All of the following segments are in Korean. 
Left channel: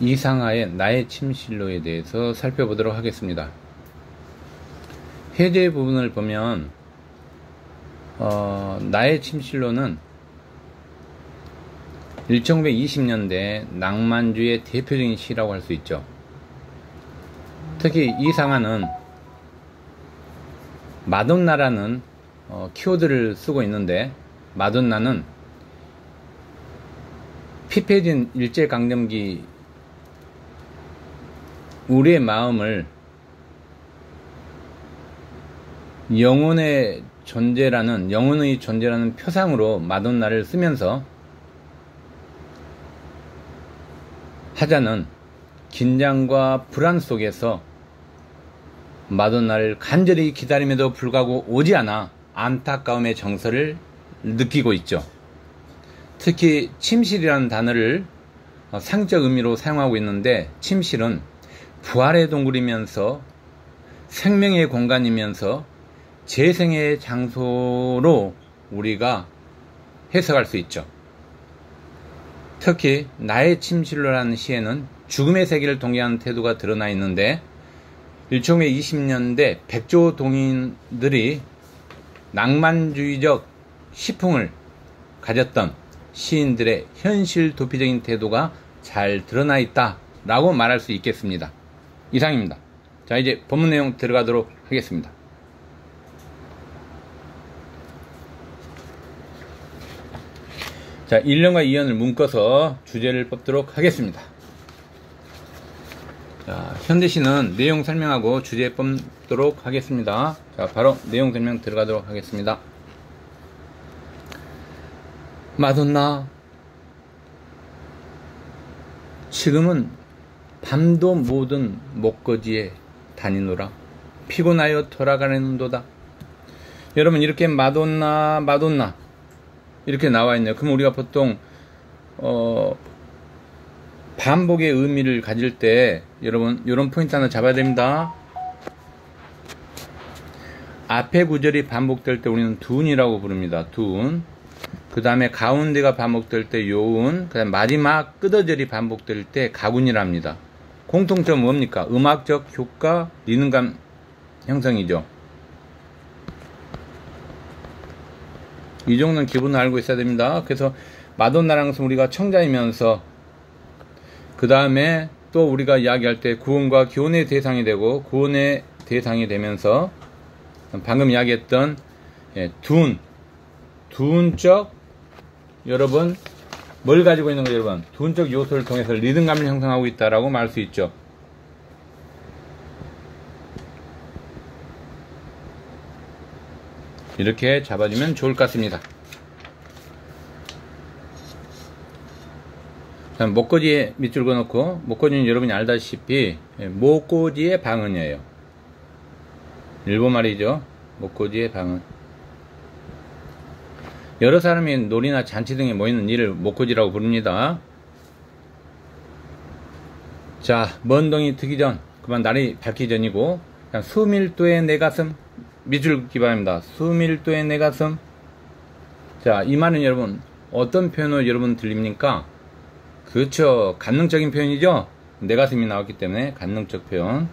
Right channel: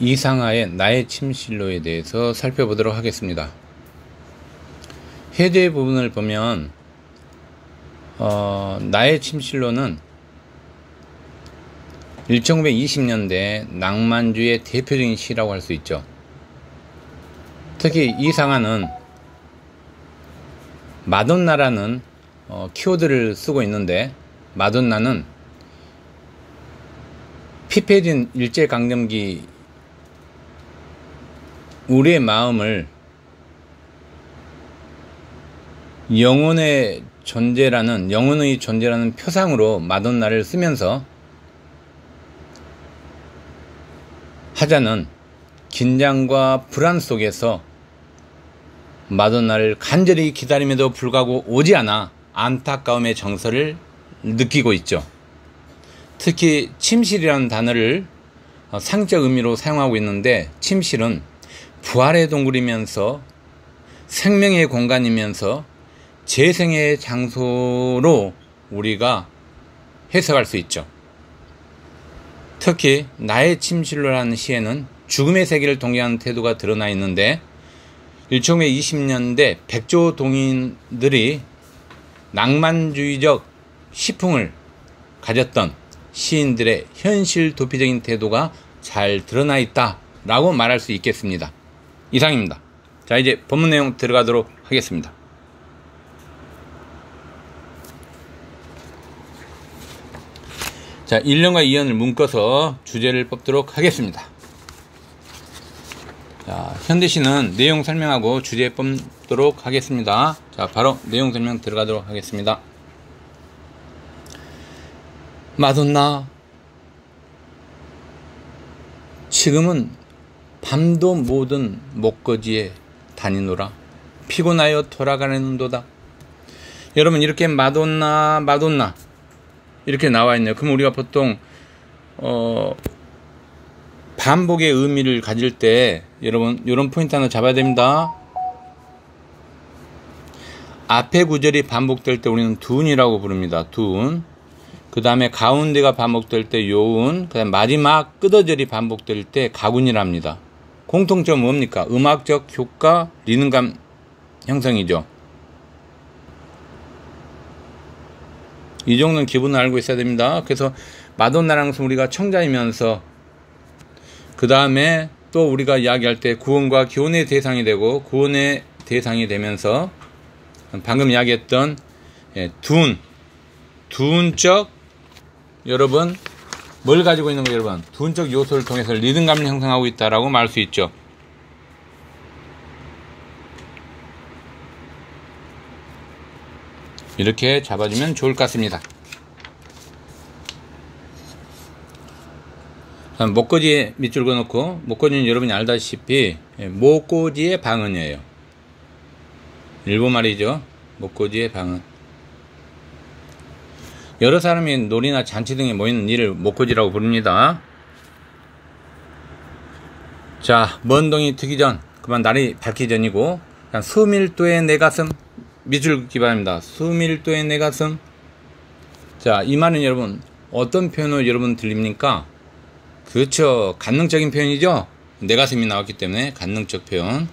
이상하의 나의 침실로에 대해서 살펴보도록 하겠습니다. 해제 부분을 보면 나의 침실로는 1920년대 낭만주의 대표적인 시라고 할 수 있죠. 특히 이상하는 마돈나라는 키워드를 쓰고 있는데, 마돈나는 피폐해진 일제강점기 우리의 마음을 영혼의 존재라는 표상으로 마돈나를 쓰면서 하자는 긴장과 불안 속에서 마돈나를 간절히 기다림에도 불구하고 오지 않아 안타까움의 정서를 느끼고 있죠. 특히 침실이라는 단어를 상적 의미로 사용하고 있는데, 침실은 부활의 동굴이면서 생명의 공간이면서 재생의 장소로 우리가 해석할 수 있죠. 특히 나의 침실로라는 시에는 죽음의 세계를 동경하는 태도가 드러나 있는데, 1920년대 백조 동인들이 낭만주의적 시풍을 가졌던 시인들의 현실 도피적인 태도가 잘 드러나 있다 라고 말할 수 있겠습니다. 이상입니다. 자, 이제 본문 내용 들어가도록 하겠습니다. 자, 1년과 2년을 묶어서 주제를 뽑도록 하겠습니다. 자, 현대시는 내용 설명하고 주제 뽑도록 하겠습니다. 자, 바로 내용 설명 들어가도록 하겠습니다. 마돈나, 지금은 밤도 모든 목거지에 다니노라. 피곤하여 돌아가는도다. 여러분, 이렇게 마돈나 이렇게 나와 있네요. 그럼 우리가 보통 반복의 의미를 가질 때 여러분 이런 포인트 하나 잡아야 됩니다. 앞에 구절이 반복될 때 우리는 둔이라고 부릅니다. 둔. 그 다음에 가운데가 반복될 때 요운, 그 다음 마지막 끝어절이 반복될 때 가군이랍니다. 공통점은 뭡니까? 음악적 효과, 리듬감 형성이죠. 이 정도는 기본을 알고 있어야 됩니다. 그래서 마돈나라는 것은 우리가 청자이면서, 그 다음에 또 우리가 이야기할 때 구원과 교훈의 대상이 되고, 구원의 대상이 되면서 방금 이야기했던 둔적, 여러분 뭘 가지고 있는 거예요? 여러분, 둔적 요소를 통해서 리듬감을 형성하고 있다라고 말할 수 있죠. 이렇게 잡아주면 좋을 것 같습니다. 목꽂이에 밑줄 그어놓고, 목꽂이는 여러분이 알다시피 목꽂이의 방언이에요. 일본말이죠. 목꽂이의 방언. 여러 사람이 놀이나 잔치 등에 모이는 일을 목꽂이라고 부릅니다. 자, 먼 동이 트기 전, 그만 날이 밝기 전이고, 수밀도의 내 가슴, 밑줄 긋기 바랍니다. 수밀도의 내 가슴. 자, 이 말은 여러분 어떤 표현으로 여러분 들립니까? 그렇죠, 간능적인 표현이죠. 내 가슴이 나왔기 때문에 간능적 표현.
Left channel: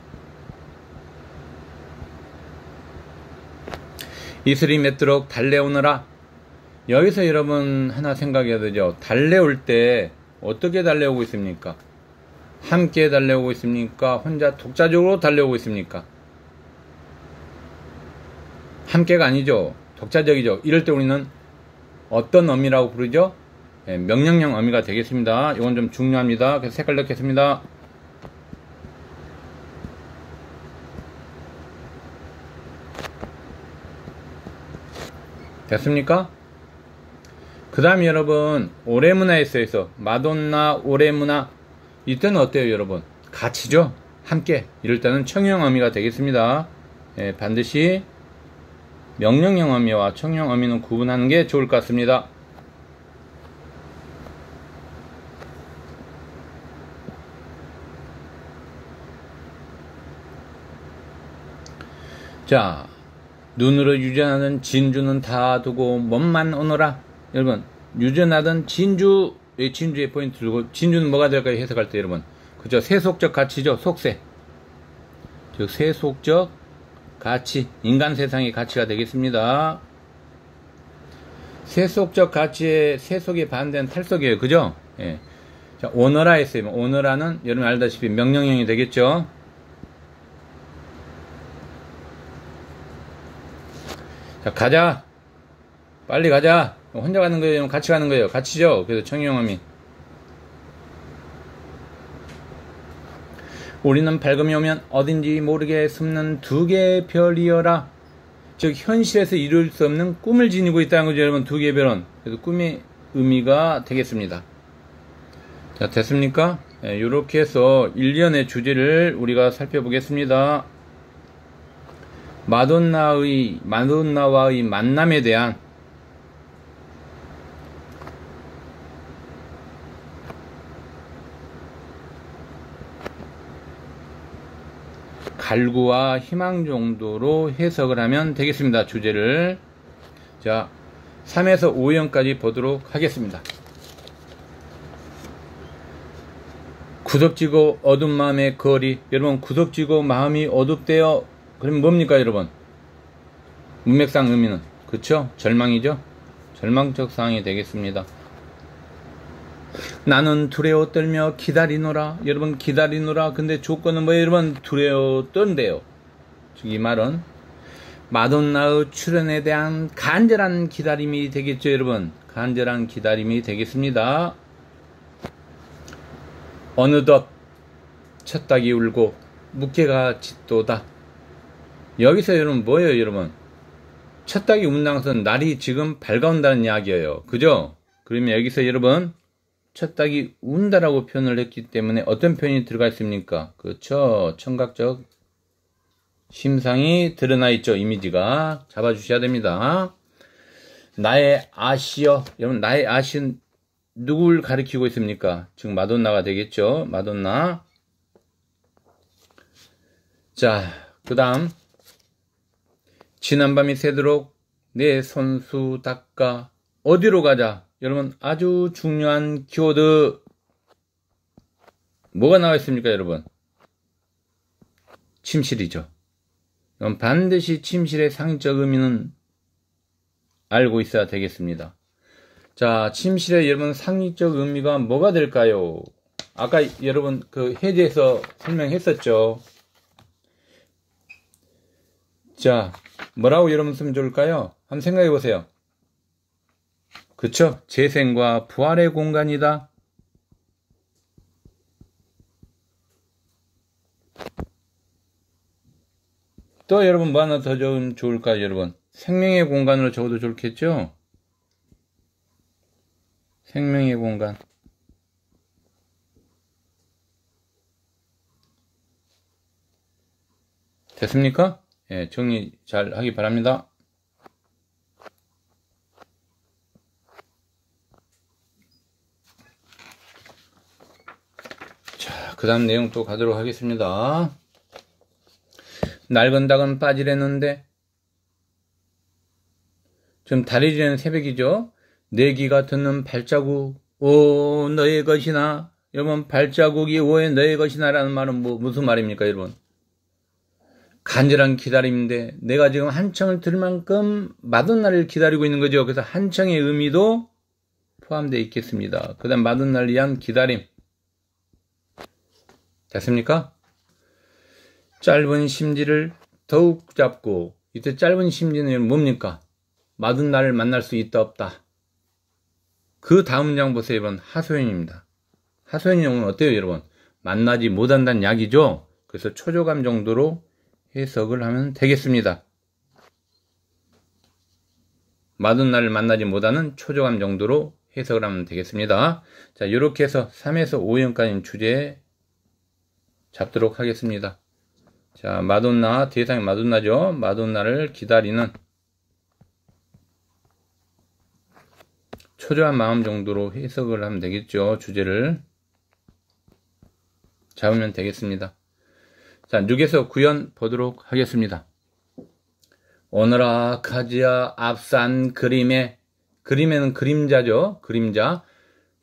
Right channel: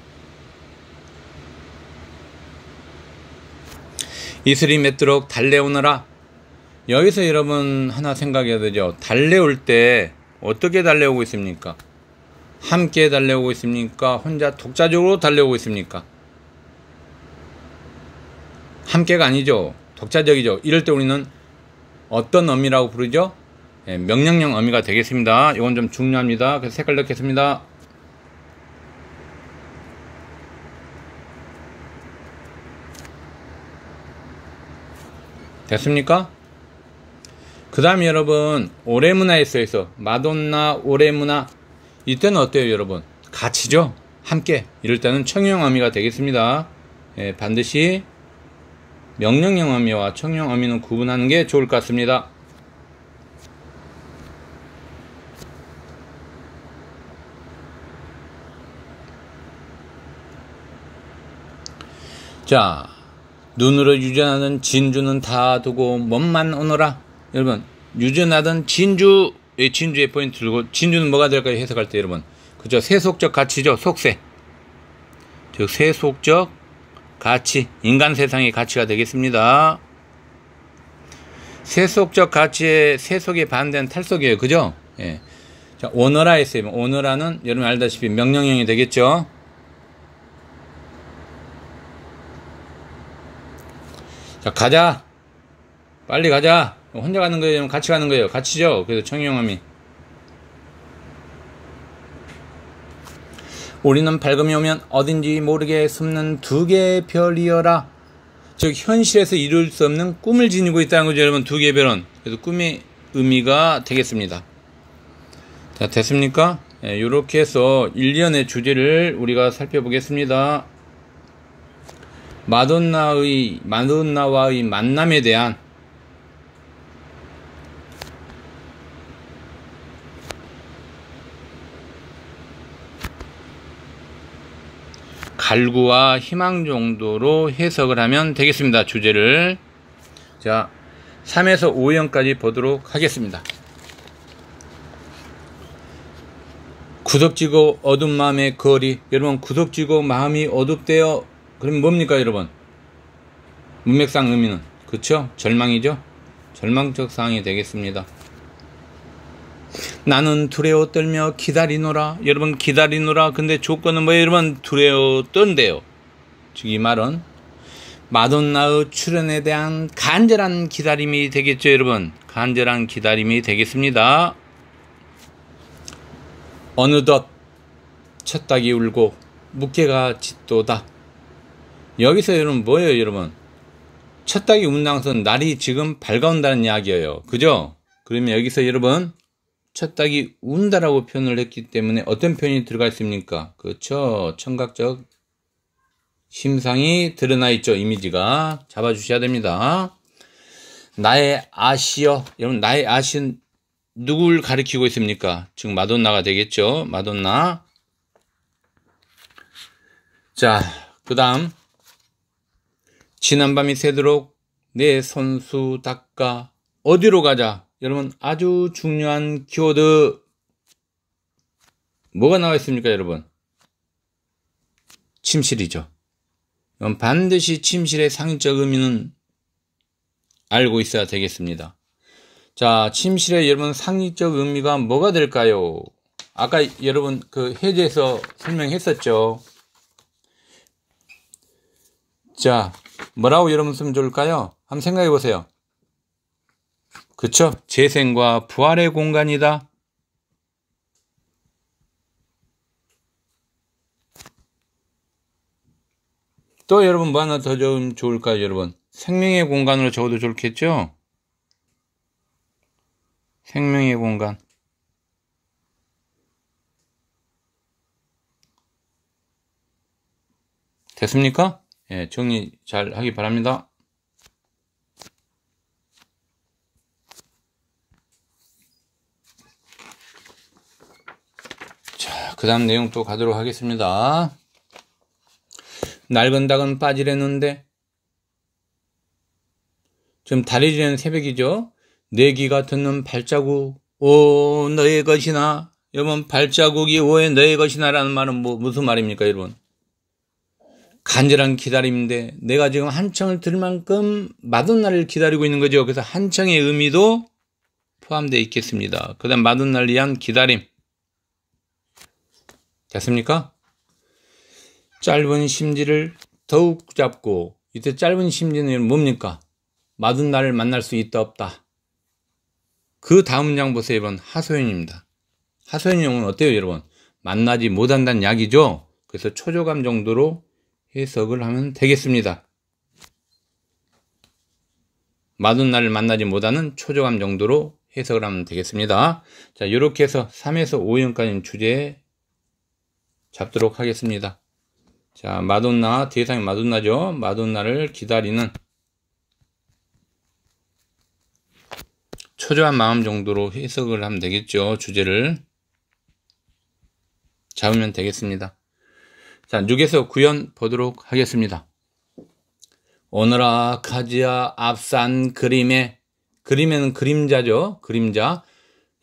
이슬이 맺도록 달래오너라. 여기서 여러분 하나 생각해야 되죠. 달래올 때 어떻게 달래오고 있습니까? 함께 달래오고 있습니까? 혼자 독자적으로 달래오고 있습니까? 함께가 아니죠. 독자적이죠. 이럴 때 우리는 어떤 어미라고 부르죠? 명령형 어미가 되겠습니다. 이건 좀 중요합니다. 그래서 색깔 넣겠습니다. 됐습니까? 그 다음에 여러분, 오레무나에 써있어. 마돈나 오레무나. 이때는 어때요 여러분? 같이죠? 함께. 이럴 때는 청용 어미가 되겠습니다. 반드시 명령형 어미와 청용 어미는 구분하는 게 좋을 것 같습니다. 자, 눈으로 유전하던 진주는 다 두고 몸만 오너라. 여러분, 유전하던 진주의 포인트를 두고, 진주는 뭐가 될까요? 해석할 때 여러분, 그죠? 세속적 가치죠. 속세. 즉 세속적 가치, 인간 세상의 가치가 되겠습니다. 세속적 가치의 세속에 반대는 탈속이에요. 그죠? 예. 자, 오너라 했어요. 오너라는 여러분 알다시피 명령형이 되겠죠. 자, 가자. 빨리 가자. 혼자 가는 거예요? 같이 가는 거예요? 같이죠? 그래서 청용함이. 우리는 밝음이 오면 어딘지 모르게 숨는 두 개의 별이여라. 즉 현실에서 이룰 수 없는 꿈을 지니고 있다는 거죠. 여러분 두 개의 별은. 그래서 꿈의 의미가 되겠습니다. 자, 됐습니까? 예, 이렇게 해서 1년의 주제를 우리가 살펴보겠습니다. 마돈나와의 만남에 대한 갈구와 희망 정도로 해석을 하면 되겠습니다. 주제를. 자, 3에서 5형까지 보도록 하겠습니다. 구석지고 어두운 마음의 거리. 여러분, 구석지고 마음이 어둡대요. 그러면 뭡니까, 여러분? 문맥상 의미는. 그쵸? 절망이죠? 절망적 상황이 되겠습니다. 나는 두려워 떨며 기다리노라. 여러분, 기다리노라. 근데 조건은 뭐예요? 여러분, 두려워 떤대요. 즉, 이 말은 마돈나의 출연에 대한 간절한 기다림이 되겠죠, 여러분. 간절한 기다림이 되겠습니다. 어느덧 첫 닭이 울고 묵개가 짖도다. 여기서 여러분 뭐예요, 여러분? 첫 닭이 운다는 것은 날이 지금 밝아온다는 이야기예요. 그죠? 그러면 여기서 여러분 첫 닭이 운다라고 표현을 했기 때문에 어떤 표현이 들어가 있습니까? 그렇죠. 청각적 심상이 드러나 있죠. 이미지가 잡아주셔야 됩니다. 나의 아시여. 여러분 나의 아시는 누굴 가리키고 있습니까? 즉 마돈나가 되겠죠. 마돈나. 자, 그 다음 지난밤이 새도록 내 손수 닦아. 어디로 가자? 여러분 아주 중요한 키워드 뭐가 나와 있습니까, 여러분? 침실이죠. 반드시 침실의 상징적 의미는 알고 있어야 되겠습니다. 자, 침실의 여러분 상징적 의미가 뭐가 될까요? 아까 여러분 그 해제에서 설명했었죠. 자, 뭐라고 여러분 쓰면 좋을까요? 한번 생각해 보세요. 그쵸? 재생과 부활의 공간이다. 또 여러분 뭐 하나 더 좀 좋을까요, 여러분? 생명의 공간으로 적어도 좋겠죠? 생명의 공간. 됐습니까? 예, 정리 잘 하기 바랍니다. 자, 그 다음 내용 또 가도록 하겠습니다. 낡은 닭은 빠지려는데, 지금 달이 지는 새벽이죠? 내기가 듣는 발자국, 오, 너의 것이나. 여러분, 발자국이 오해 너의 것이나 라는 말은 무슨 말입니까, 여러분? 간절한 기다림인데, 내가 지금 한청을 들을 만큼 마돈나를 기다리고 있는 거죠. 그래서 한청의 의미도 포함되어 있겠습니다. 그 다음 마돈나를 위한 기다림. 됐습니까? 짧은 심지를 더욱 잡고, 이때 짧은 심지는 뭡니까? 마돈나를 만날 수 있다 없다. 그 다음 문장 보세요, 여러분. 하소연입니다. 하소연형은 어때요, 여러분? 만나지 못한다는 이야기죠. 그래서 초조감 정도로 해석을 하면 되겠습니다. 마돈나를 만나지 못하는 초조감 정도로 해석을 하면 되겠습니다. 자, 이렇게 해서 3에서 5형까지 주제 잡도록 하겠습니다. 자, 마돈나, 대상이 마돈나죠. 마돈나를 기다리는 초조한 마음 정도로 해석을 하면 되겠죠. 주제를 잡으면 되겠습니다. 자, 6에서 9연 보도록 하겠습니다. 오너라 카지아 앞산 그림에는 그림자죠. 그림자.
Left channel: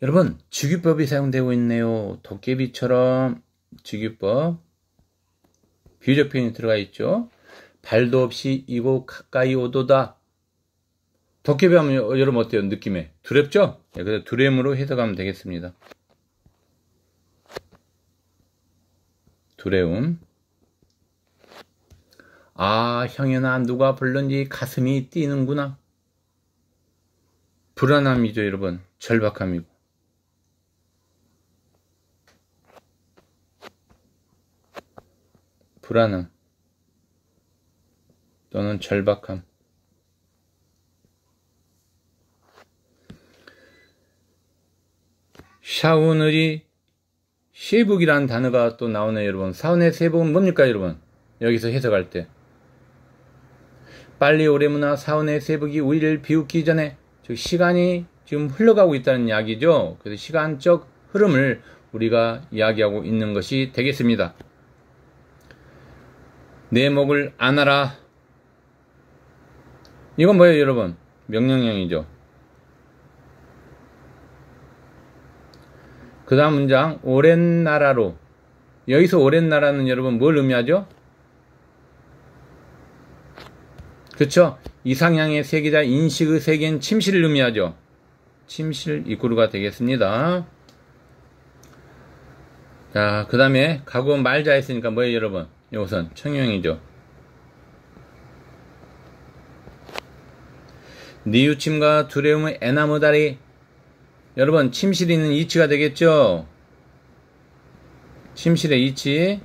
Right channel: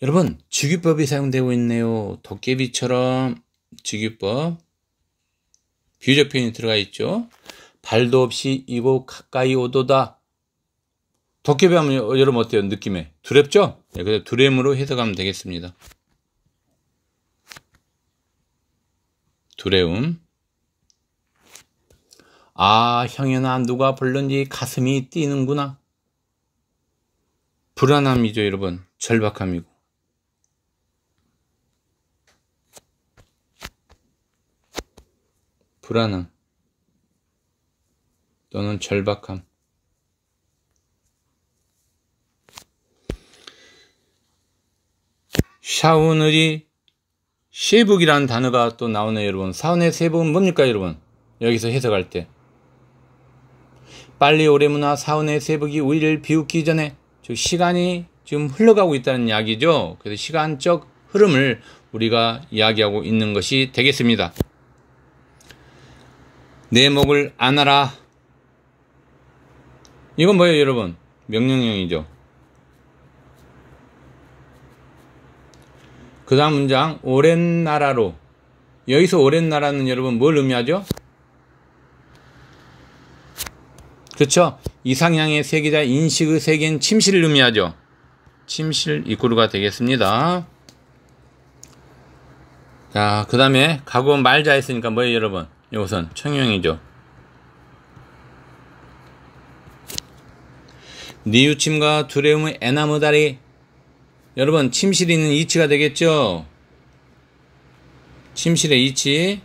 여러분, 직유법이 사용되고 있네요. 도깨비처럼. 직유법 비유적 표현이 들어가 있죠. 발도 없이 이곳 가까이 오도다. 도깨비 하면 여러분 어때요? 느낌에 두렵죠? 네, 그래서 두렘으로 해석하면 되겠습니다. 두려움. 아, 형연아, 누가 불렀는지 가슴이 뛰는구나. 불안함이죠, 여러분. 절박함이고. 불안함 또는 절박함. 샤오느리 세북이라는 단어가 또 나오네요, 여러분. 사원의 세북은 뭡니까, 여러분? 여기서 해석할 때 빨리 오래무나 사원의 세북이 우리를 비웃기 전에, 즉 시간이 지금 흘러가고 있다는 이야기죠. 그래서 시간적 흐름을 우리가 이야기하고 있는 것이 되겠습니다. 내 목을 안아라. 이건 뭐예요, 여러분? 명령형이죠. 그 다음 문장, 오랜 나라로. 여기서 오랜 나라는 여러분 뭘 의미하죠? 그렇죠? 이상향의 세계자 인식의 세계인 침실을 의미하죠. 침실 이꾸루가 되겠습니다. 자, 그 다음에 가고 말자 했으니까 뭐예요, 여러분? 이것은 청형이죠. 뉘우침과 두려움의 애나무다리. 여러분, 침실이 있는 이치가 되겠죠? 침실의 이치.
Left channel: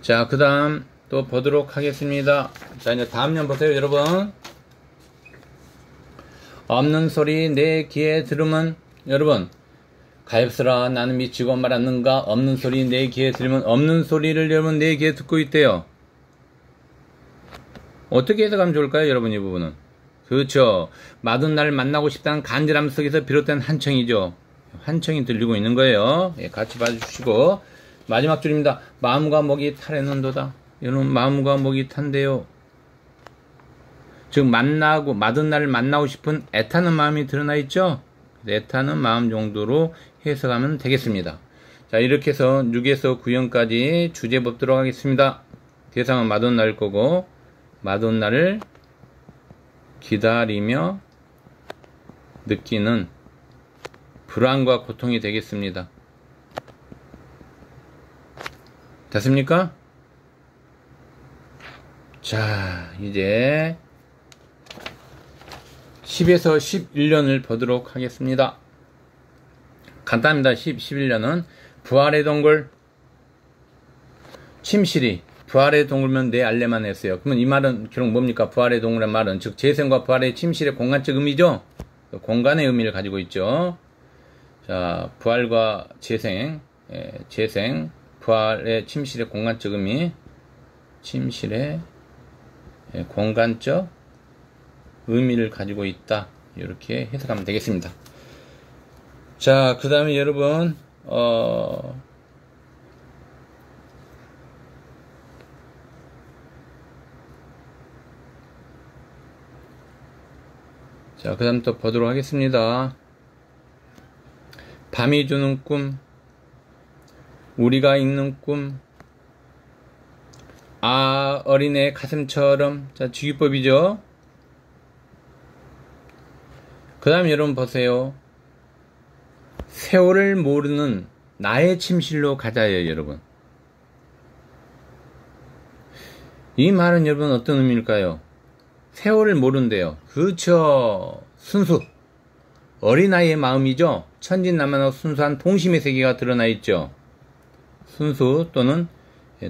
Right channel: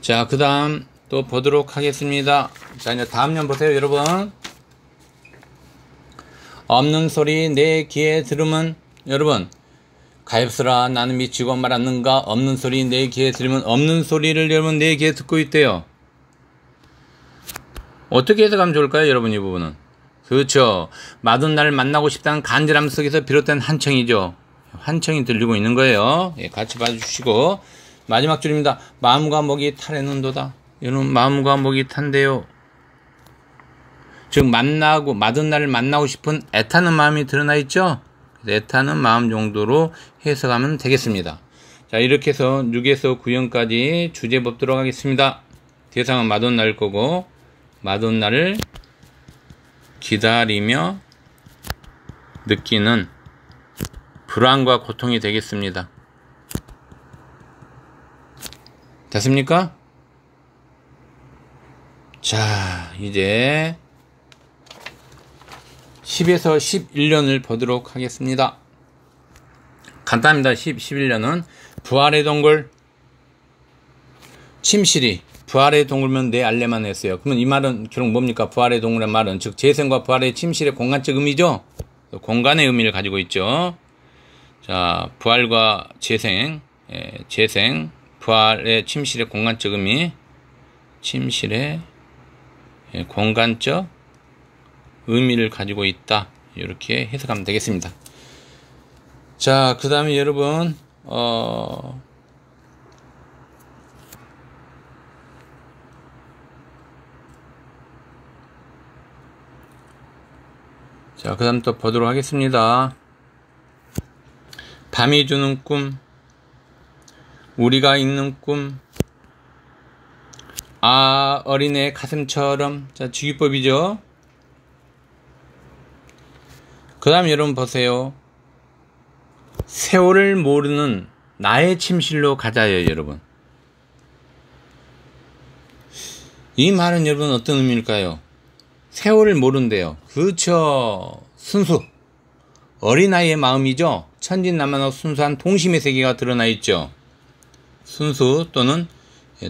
자, 그 다음 또 보도록 하겠습니다. 자, 이제 다음 년 보세요, 여러분. 없는 소리 내 귀에 들으면, 여러분, 가엾으라 나는 미치고 말았는가. 없는 소리 내 귀에 들으면, 없는 소리를 여러분 내 귀에 듣고 있대요. 어떻게 해석하면 좋을까요, 여러분? 이 부분은 그렇죠. 마둔 나를 만나고 싶다는 간절함 속에서 비롯된 한청이죠. 한청이 들리고 있는 거예요. 예, 같이 봐주시고 마지막 줄입니다. 마음과 목이 탈해는도다. 여러분, 마음과 목이 탄대요. 즉 만나고 마둔 나를 만나고 싶은 애타는 마음이 드러나 있죠. 애타는 마음 정도로 해석하면 되겠습니다. 자, 이렇게 해서 6에서 9형까지 주제 뽑도록 하겠습니다. 대상은 마돈나일 거고, 마돈나를 기다리며 느끼는 불안과 고통이 되겠습니다. 됐습니까? 자, 이제 10에서 11년을 보도록 하겠습니다. 간단합니다. 11년은 부활의 동굴. 침실이 부활의 동굴면 내 알레만 했어요. 그러면 이 말은 결국 뭡니까? 부활의 동굴의 말은 즉 재생과 부활의 침실의 공간적 의미죠. 공간의 의미를 가지고 있죠. 자, 부활과 재생, 재생, 부활의 침실의 공간적 의미, 침실의 공간적 의미를 가지고 있다. 이렇게 해석하면 되겠습니다. 자, 그 다음에 여러분, 자, 그 다음 또 보도록 하겠습니다. 밤이 주는 꿈, 우리가 읽는 꿈, 아, 어린애 가슴처럼. 자, 직유법이죠. 그 다음 여러분 보세요. 세월을 모르는 나의 침실로 가자요, 여러분. 이 말은 여러분 어떤 의미일까요? 세월을 모른대요. 그렇죠. 순수. 어린아이의 마음이죠. 천진난만하고 순수한 동심의 세계가 드러나 있죠. 순수 또는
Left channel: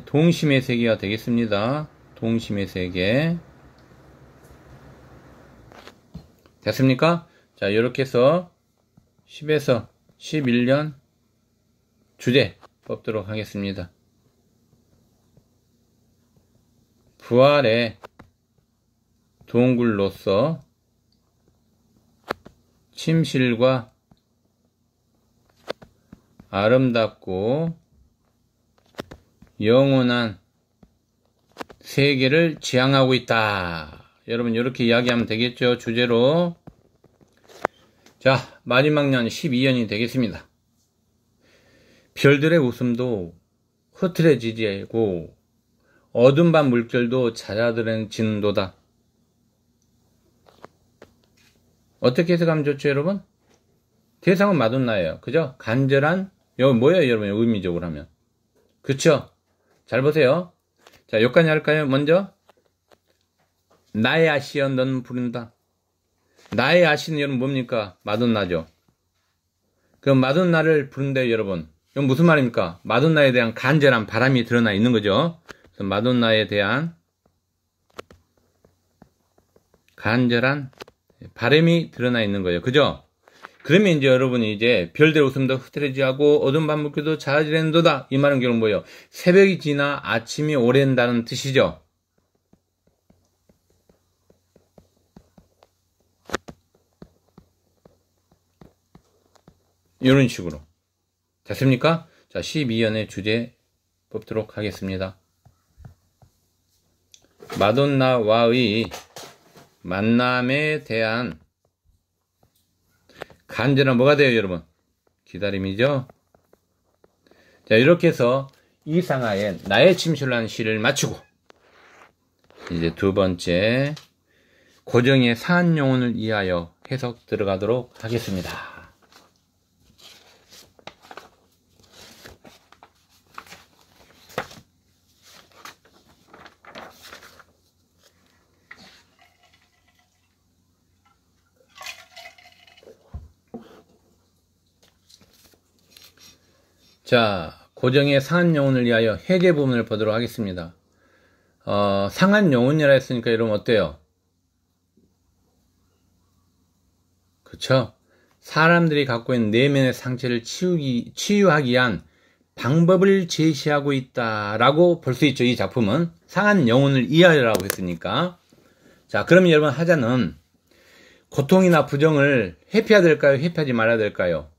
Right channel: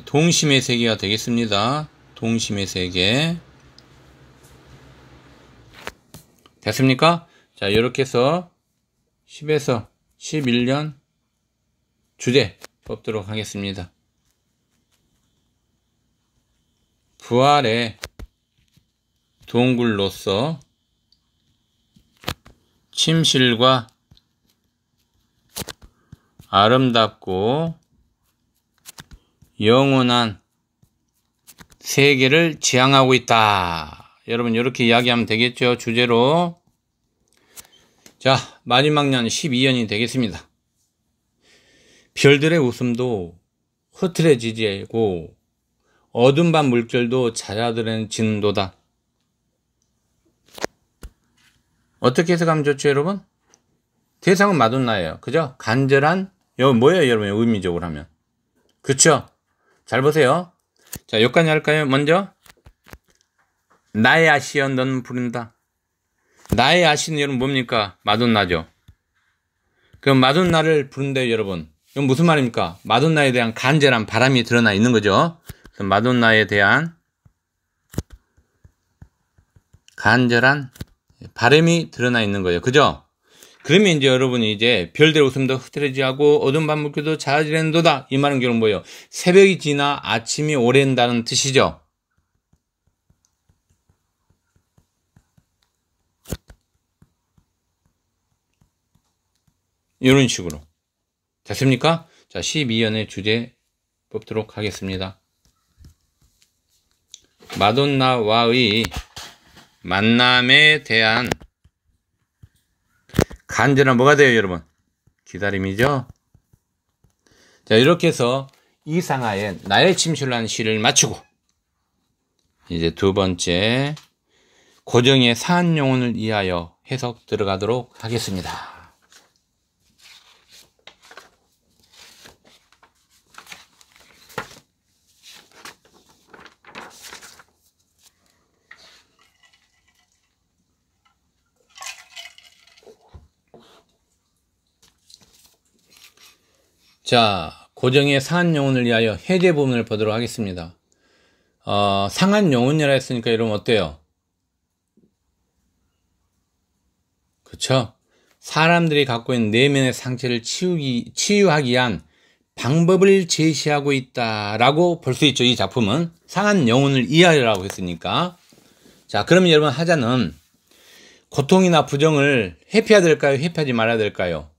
동심의 세계가 되겠습니다. 동심의 세계. 됐습니까? 자, 이렇게 해서 10에서 11년 주제 뽑도록 하겠습니다. 부활의 동굴로서 침실과 아름답고 영원한 세계를 지향하고 있다. 여러분, 이렇게 이야기하면 되겠죠. 주제로. 자, 마지막 년 12년이 되겠습니다. 별들의 웃음도 흐트러지고 어둠 밤 물결도 잦아들어지는도다. 어떻게 해석하면 좋죠, 여러분? 대상은 마돈나예요. 그죠? 간절한, 이거 뭐예요, 여러분? 의미적으로 하면. 그쵸? 잘 보세요. 자, 여기까지 할까요? 먼저. 나의 아시여, 넌 부른다. 나의 아시는 여러분 뭡니까? 마돈나죠. 그럼 마돈나를 부른대요, 여러분. 이건 무슨 말입니까? 마돈나에 대한 간절한 바람이 드러나 있는 거죠. 그래서 마돈나에 대한 간절한 바람이 드러나 있는 거예요. 그죠? 그러면 이제 여러분이 이제 별들 웃음도 흐트러지하고 어두운 밤 물결도 잦아지는도다. 이 말은 결국 뭐예요? 새벽이 지나 아침이 오랜다는 뜻이죠. 이런 식으로. 됐습니까? 자, 12연의 주제 뽑도록 하겠습니다. 마돈나와의 만남에 대한 간절한 뭐가 돼요, 여러분? 기다림이죠? 자, 이렇게 해서 이상하의 나의 침실로 한 시를 마치고, 이제 두 번째, 고정의 사한 영혼을 위하여 해석 들어가도록 하겠습니다. 자, 고정의 상한 영혼을 위하여 해제 부분을 보도록 하겠습니다. 상한 영혼이라 했으니까 여러분 어때요? 그쵸? 사람들이 갖고 있는 내면의 상처를 치유하기 위한 방법을 제시하고 있다라고 볼 수 있죠. 이 작품은 상한 영혼을 위하여라고 했으니까. 자, 그럼 여러분 하자는 고통이나 부정을 회피해야 될까요? 회피하지 말아야 될까요?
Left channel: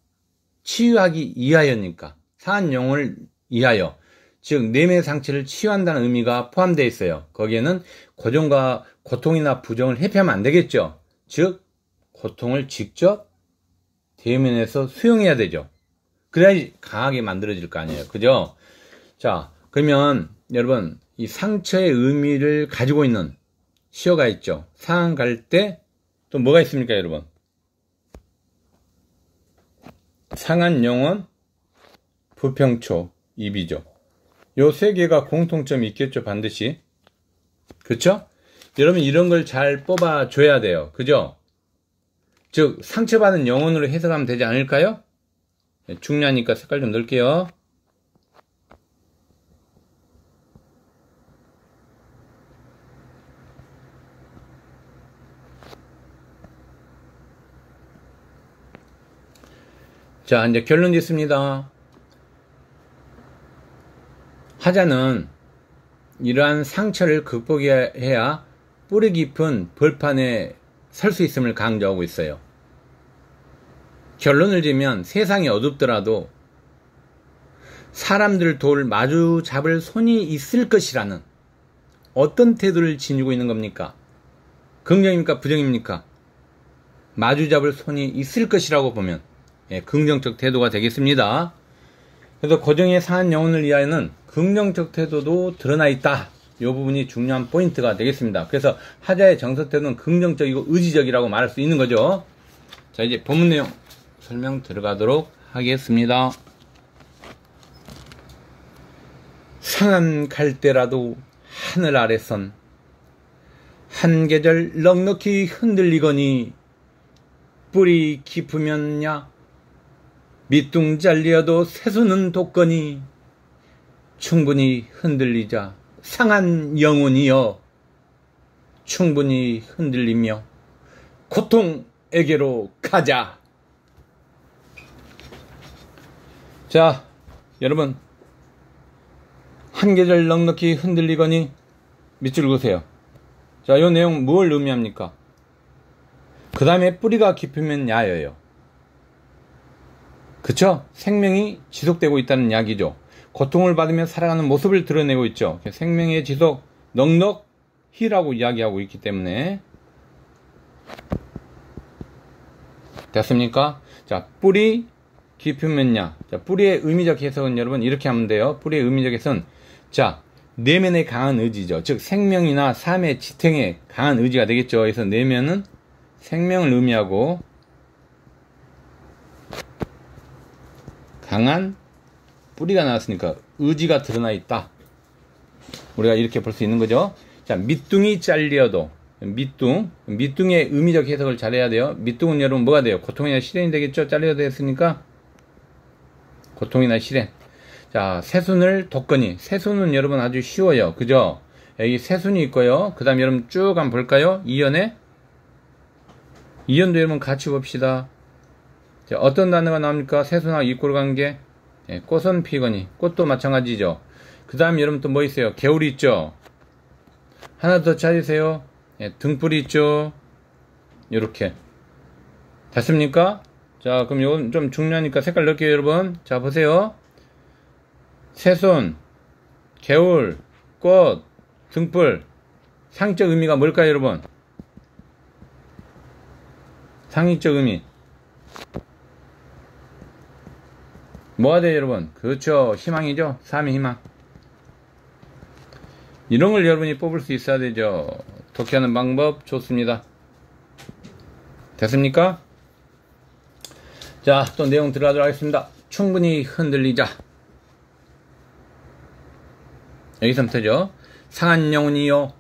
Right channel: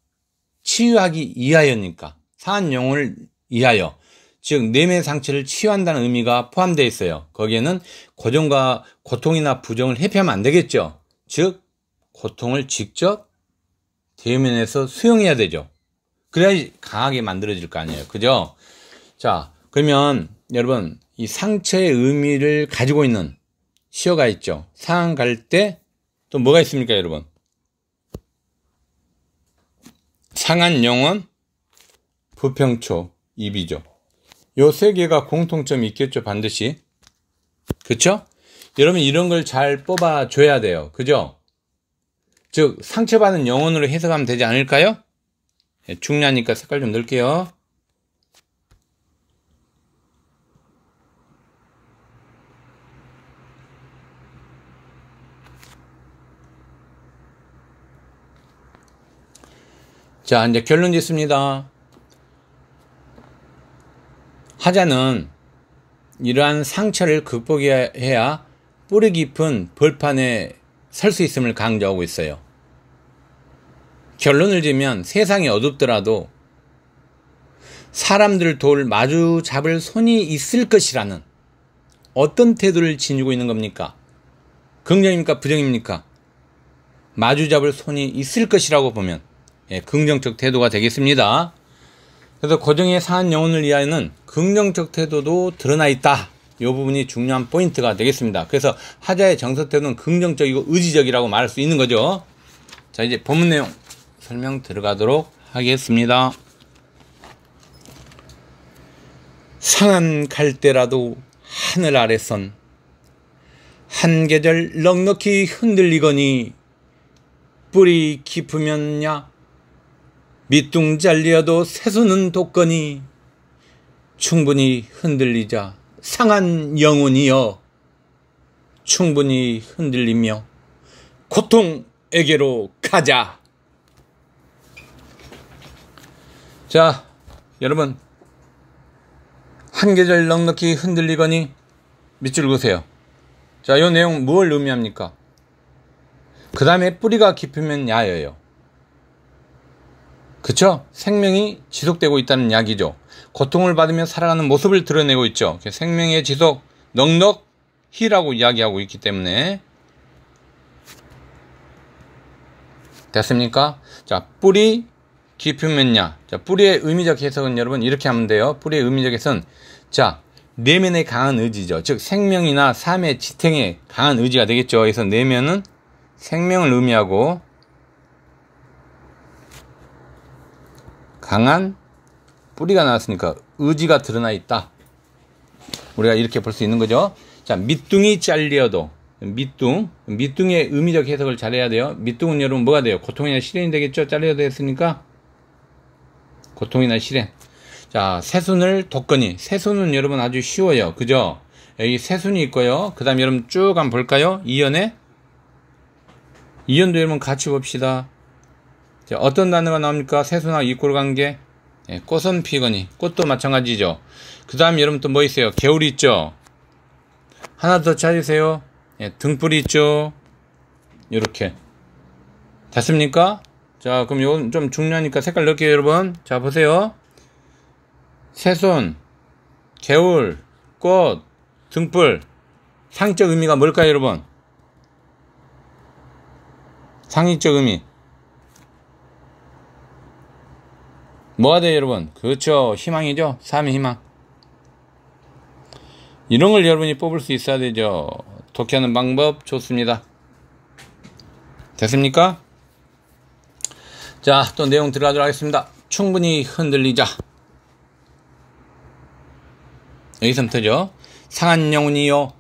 치유하기 위하여니까. 상한 영혼을 위하여, 즉 내면의 상처를 치유한다는 의미가 포함되어 있어요. 거기에는 고통이나 부정을 회피하면 안 되겠죠. 즉 고통을 직접 대면에서 수용해야 되죠. 그래야지 강하게 만들어질 거 아니에요. 그죠? 자, 그러면 여러분 이 상처의 의미를 가지고 있는 시어가 있죠. 상한 갈 때 또 뭐가 있습니까, 여러분? 상한 영혼, 부평초, 입이죠. 요 세 개가 공통점이 있겠죠, 반드시. 그쵸? 여러분 이런 걸 잘 뽑아줘야 돼요. 그죠? 즉 상처받은 영혼으로 해석하면 되지 않을까요? 중요하니까 색깔 좀 넣을게요. 자, 이제 결론 짓습니다. 하자는 이러한 상처를 극복해야 뿌리 깊은 벌판에 설 수 있음을 강조하고 있어요. 결론을 지면 세상이 어둡더라도 사람들을 마주 잡을 손이 있을 것이라는 어떤 태도를 지니고 있는 겁니까? 긍정입니까? 부정입니까? 마주 잡을 손이 있을 것이라고 보면 긍정적 태도가 되겠습니다. 그래서 고정의 상한 영혼을 위하여는 긍정적 태도도 드러나 있다. 이 부분이 중요한 포인트가 되겠습니다. 그래서 하자의 정서 태도는 긍정적이고 의지적이라고 말할 수 있는 거죠. 자, 이제 본문 내용 설명 들어가도록 하겠습니다. 상한 갈대라도 하늘 아래선 한 계절 넉넉히 흔들리거니 뿌리 깊으면야 밑둥 잘리어도 새수는 돋거니 충분히 흔들리자 상한 영혼이여 충분히 흔들리며 고통에게로 가자. 자, 여러분 한 계절 넉넉히 흔들리거니 밑줄 그으세요. 자, 이 내용 뭘 의미합니까? 그 다음에 뿌리가 깊으면 야여요. 그쵸? 생명이 지속되고 있다는 이야기죠. 고통을 받으며 살아가는 모습을 드러내고 있죠. 생명의 지속 넉넉히라고 이야기하고 있기 때문에. 됐습니까? 자, 뿌리 깊으면야. 자, 뿌리의 의미적 해석은 여러분 이렇게 하면 돼요. 뿌리의 의미적 해석은 자, 내면의 강한 의지죠. 즉 생명이나 삶의 지탱에 강한 의지가 되겠죠. 그래서 내면은 생명을 의미하고 강한 뿌리가 나왔으니까 의지가 드러나 있다. 우리가 이렇게 볼 수 있는 거죠. 자, 밑둥이 잘려도 밑둥의 의미적 해석을 잘해야 돼요. 밑둥은 여러분 뭐가 돼요? 고통이나 시련이 되겠죠. 잘려도 했으니까 고통이나 시련. 자, 새순을 돋거니. 새순은 여러분 아주 쉬워요. 그죠? 여기 새순이 있고요. 그 다음에 여러분 쭉 한번 볼까요? 이연에 이연도 여러분 같이 봅시다. 자, 어떤 단어가 나옵니까? 새순하고 이꼴 관계. 예, 꽃은 피거니. 꽃도 마찬가지죠. 그 다음에 여러분 또 뭐 있어요? 개울이 있죠. 하나 더 찾으세요. 예, 등불이 있죠. 요렇게 됐습니까? 자, 그럼 요건 좀 중요하니까 색깔 넣을게요, 여러분. 자, 보세요. 새순, 개울, 꽃, 등불. 상적 의미가 뭘까요, 여러분? 상의적 의미. 뭐가 돼요, 여러분? 그렇죠. 희망이죠. 삶의 희망. 이런 걸 여러분이 뽑을 수 있어야 되죠. 독해하는 방법 좋습니다. 됐습니까? 자, 또 내용 들어가도록 하겠습니다. 충분히 흔들리자. 여기서부터죠. 상한 영혼이요.